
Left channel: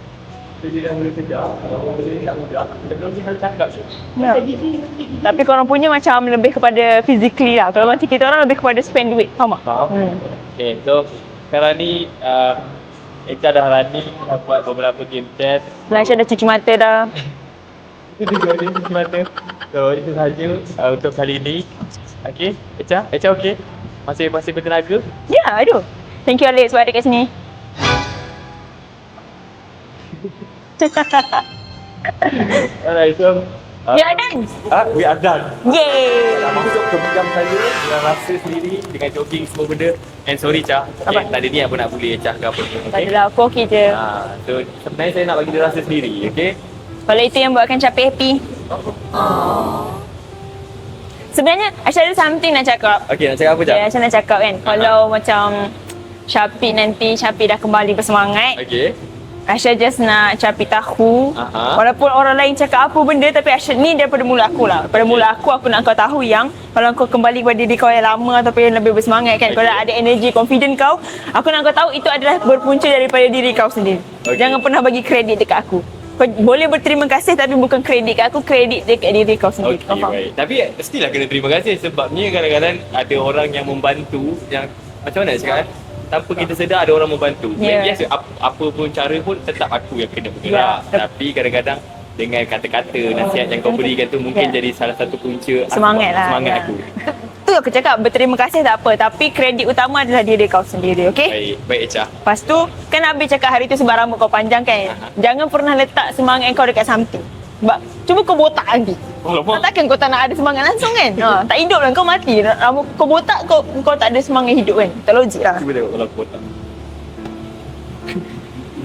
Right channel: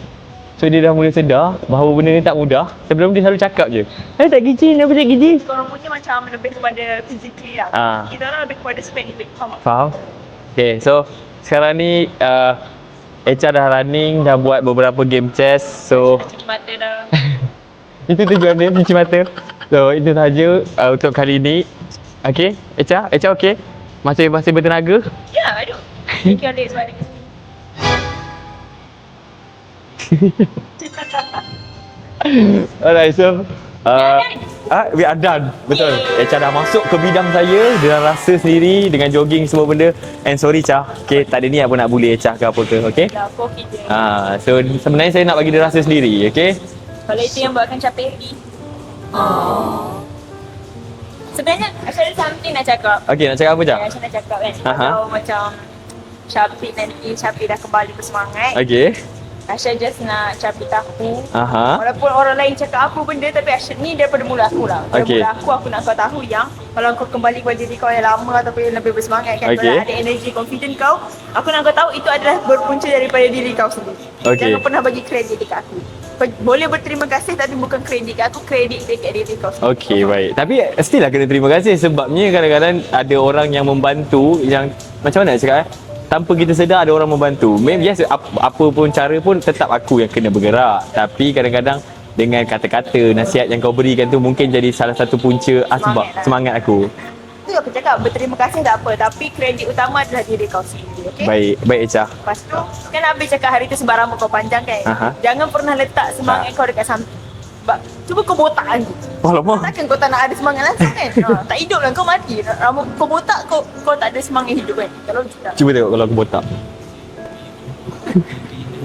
So dia dah mula sedar bahawa benda ni tak mudah. Sebelum dia selalu cakap je. Tak gijin, apa tak gijin. Tapi korang punya macam lebih kepada physically lah. Kalau Ah. macam kita orang lebih kepada spend duit. Faham tak? Faham? Okay, so sekarang ni Echah dah running, dah buat beberapa game chess. So Aisyah dah cuci mata dah. itu tujuan dia, cuci mata. So itu sahaja untuk kali ni. Okay, Echah okay? Masih bertenaga? Ya, aduh. Thank you Alex sebab ada kat sini. Alright, so We are done. We are done. Betul. Yay. Echah dah masuk ke bidang saya dengan rasa sendiri, dengan jogging semua benda. And sorry Echah, okay, tak ada ni apa nak bully Echah ke apa ke, okay? Adalah, aku okey je. So sebenarnya saya nak bagi dia rasa sendiri, okay? Kalau itu yang buatkan Capi happy. Sebenarnya Aisyah ada something nak cakap. Okay, nak cakap apa Echah? Aisyah nak cakap kan. Kalau macam Capi nanti Capi dah kembali bersemangat. Okay. Aisyah just nak Capi tahu. Walaupun orang lain cakap apa benda, tapi Aisyah ni daripada mula aku lah. Daripada mula aku nak kau tahu yang kalau kau kembali kepada diri kau yang lama ataupun yang lebih bersemangat kan, kalau ada energy, confident kau, aku nak kau tahu itu adalah berpunca daripada diri kau sendiri. Jangan pernah bagi kredit dekat aku. Kau boleh berterima kasih tapi bukan kredit kat aku, kredit dekat diri kau sendiri. Okay, baik. Tapi still lah kena terima kasih sebabnya kadang-kadang ada orang yang membantu yang macam mana nak cakap tanpa kita sedar ada orang membantu. Yes, apa pun cara pun tetap aku yang kena bergerak. Tapi kadang-kadang dengan kata-kata, nasihat yang kau berikan tu mungkin jadi salah satu punca Semangat lah. semangat aku. Tu aku cakap berterima kasih tak apa, tapi kredit utama adalah diri kau sendiri, okey? Baik Echa. Lepas tu, kan Habib cakap hari tu sebab rambut kau panjang kan? Jangan pernah letak semangat kau dekat something. Sebab cuba kau botak lagi. Alamak. Takkan kau tak nak ada semangat langsung kan? Tak hidup lah, kau mati. Rambut kau botak, kau tak ada semangat hidup kan? Tak logik lah. Cuba tengok kalau aku botak.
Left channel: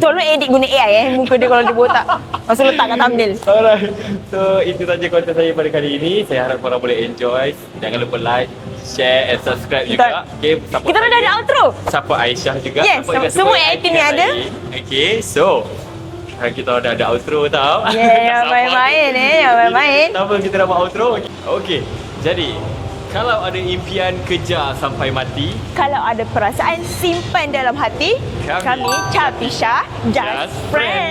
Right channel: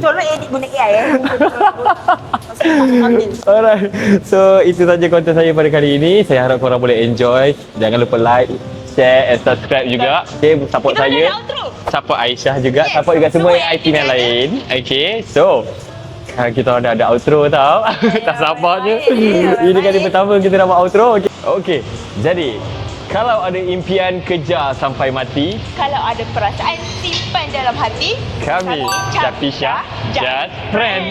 Tolong edit guna AI muka dia kalau dia botak. Pasal letakkan thumbnail. Alright. So itu saja konten saya pada kali ini. Saya harap korang boleh enjoy. Jangan lupa like, share and subscribe juga. Okay, support Kita saya. dah ada outro. Support Aisyah juga. Yes, Support juga semua semua acting yang yang ada. lain. Okay, so kita dah ada outro tau. Yeah, tak sabar main-main tu. ni, Ini main-main. kali pertama kita dah buat outro. Okay. Jadi kalau ada impian kejar sampai mati, Kalau ada perasaan simpan dalam hati, kami Chapisha Just Just Friend.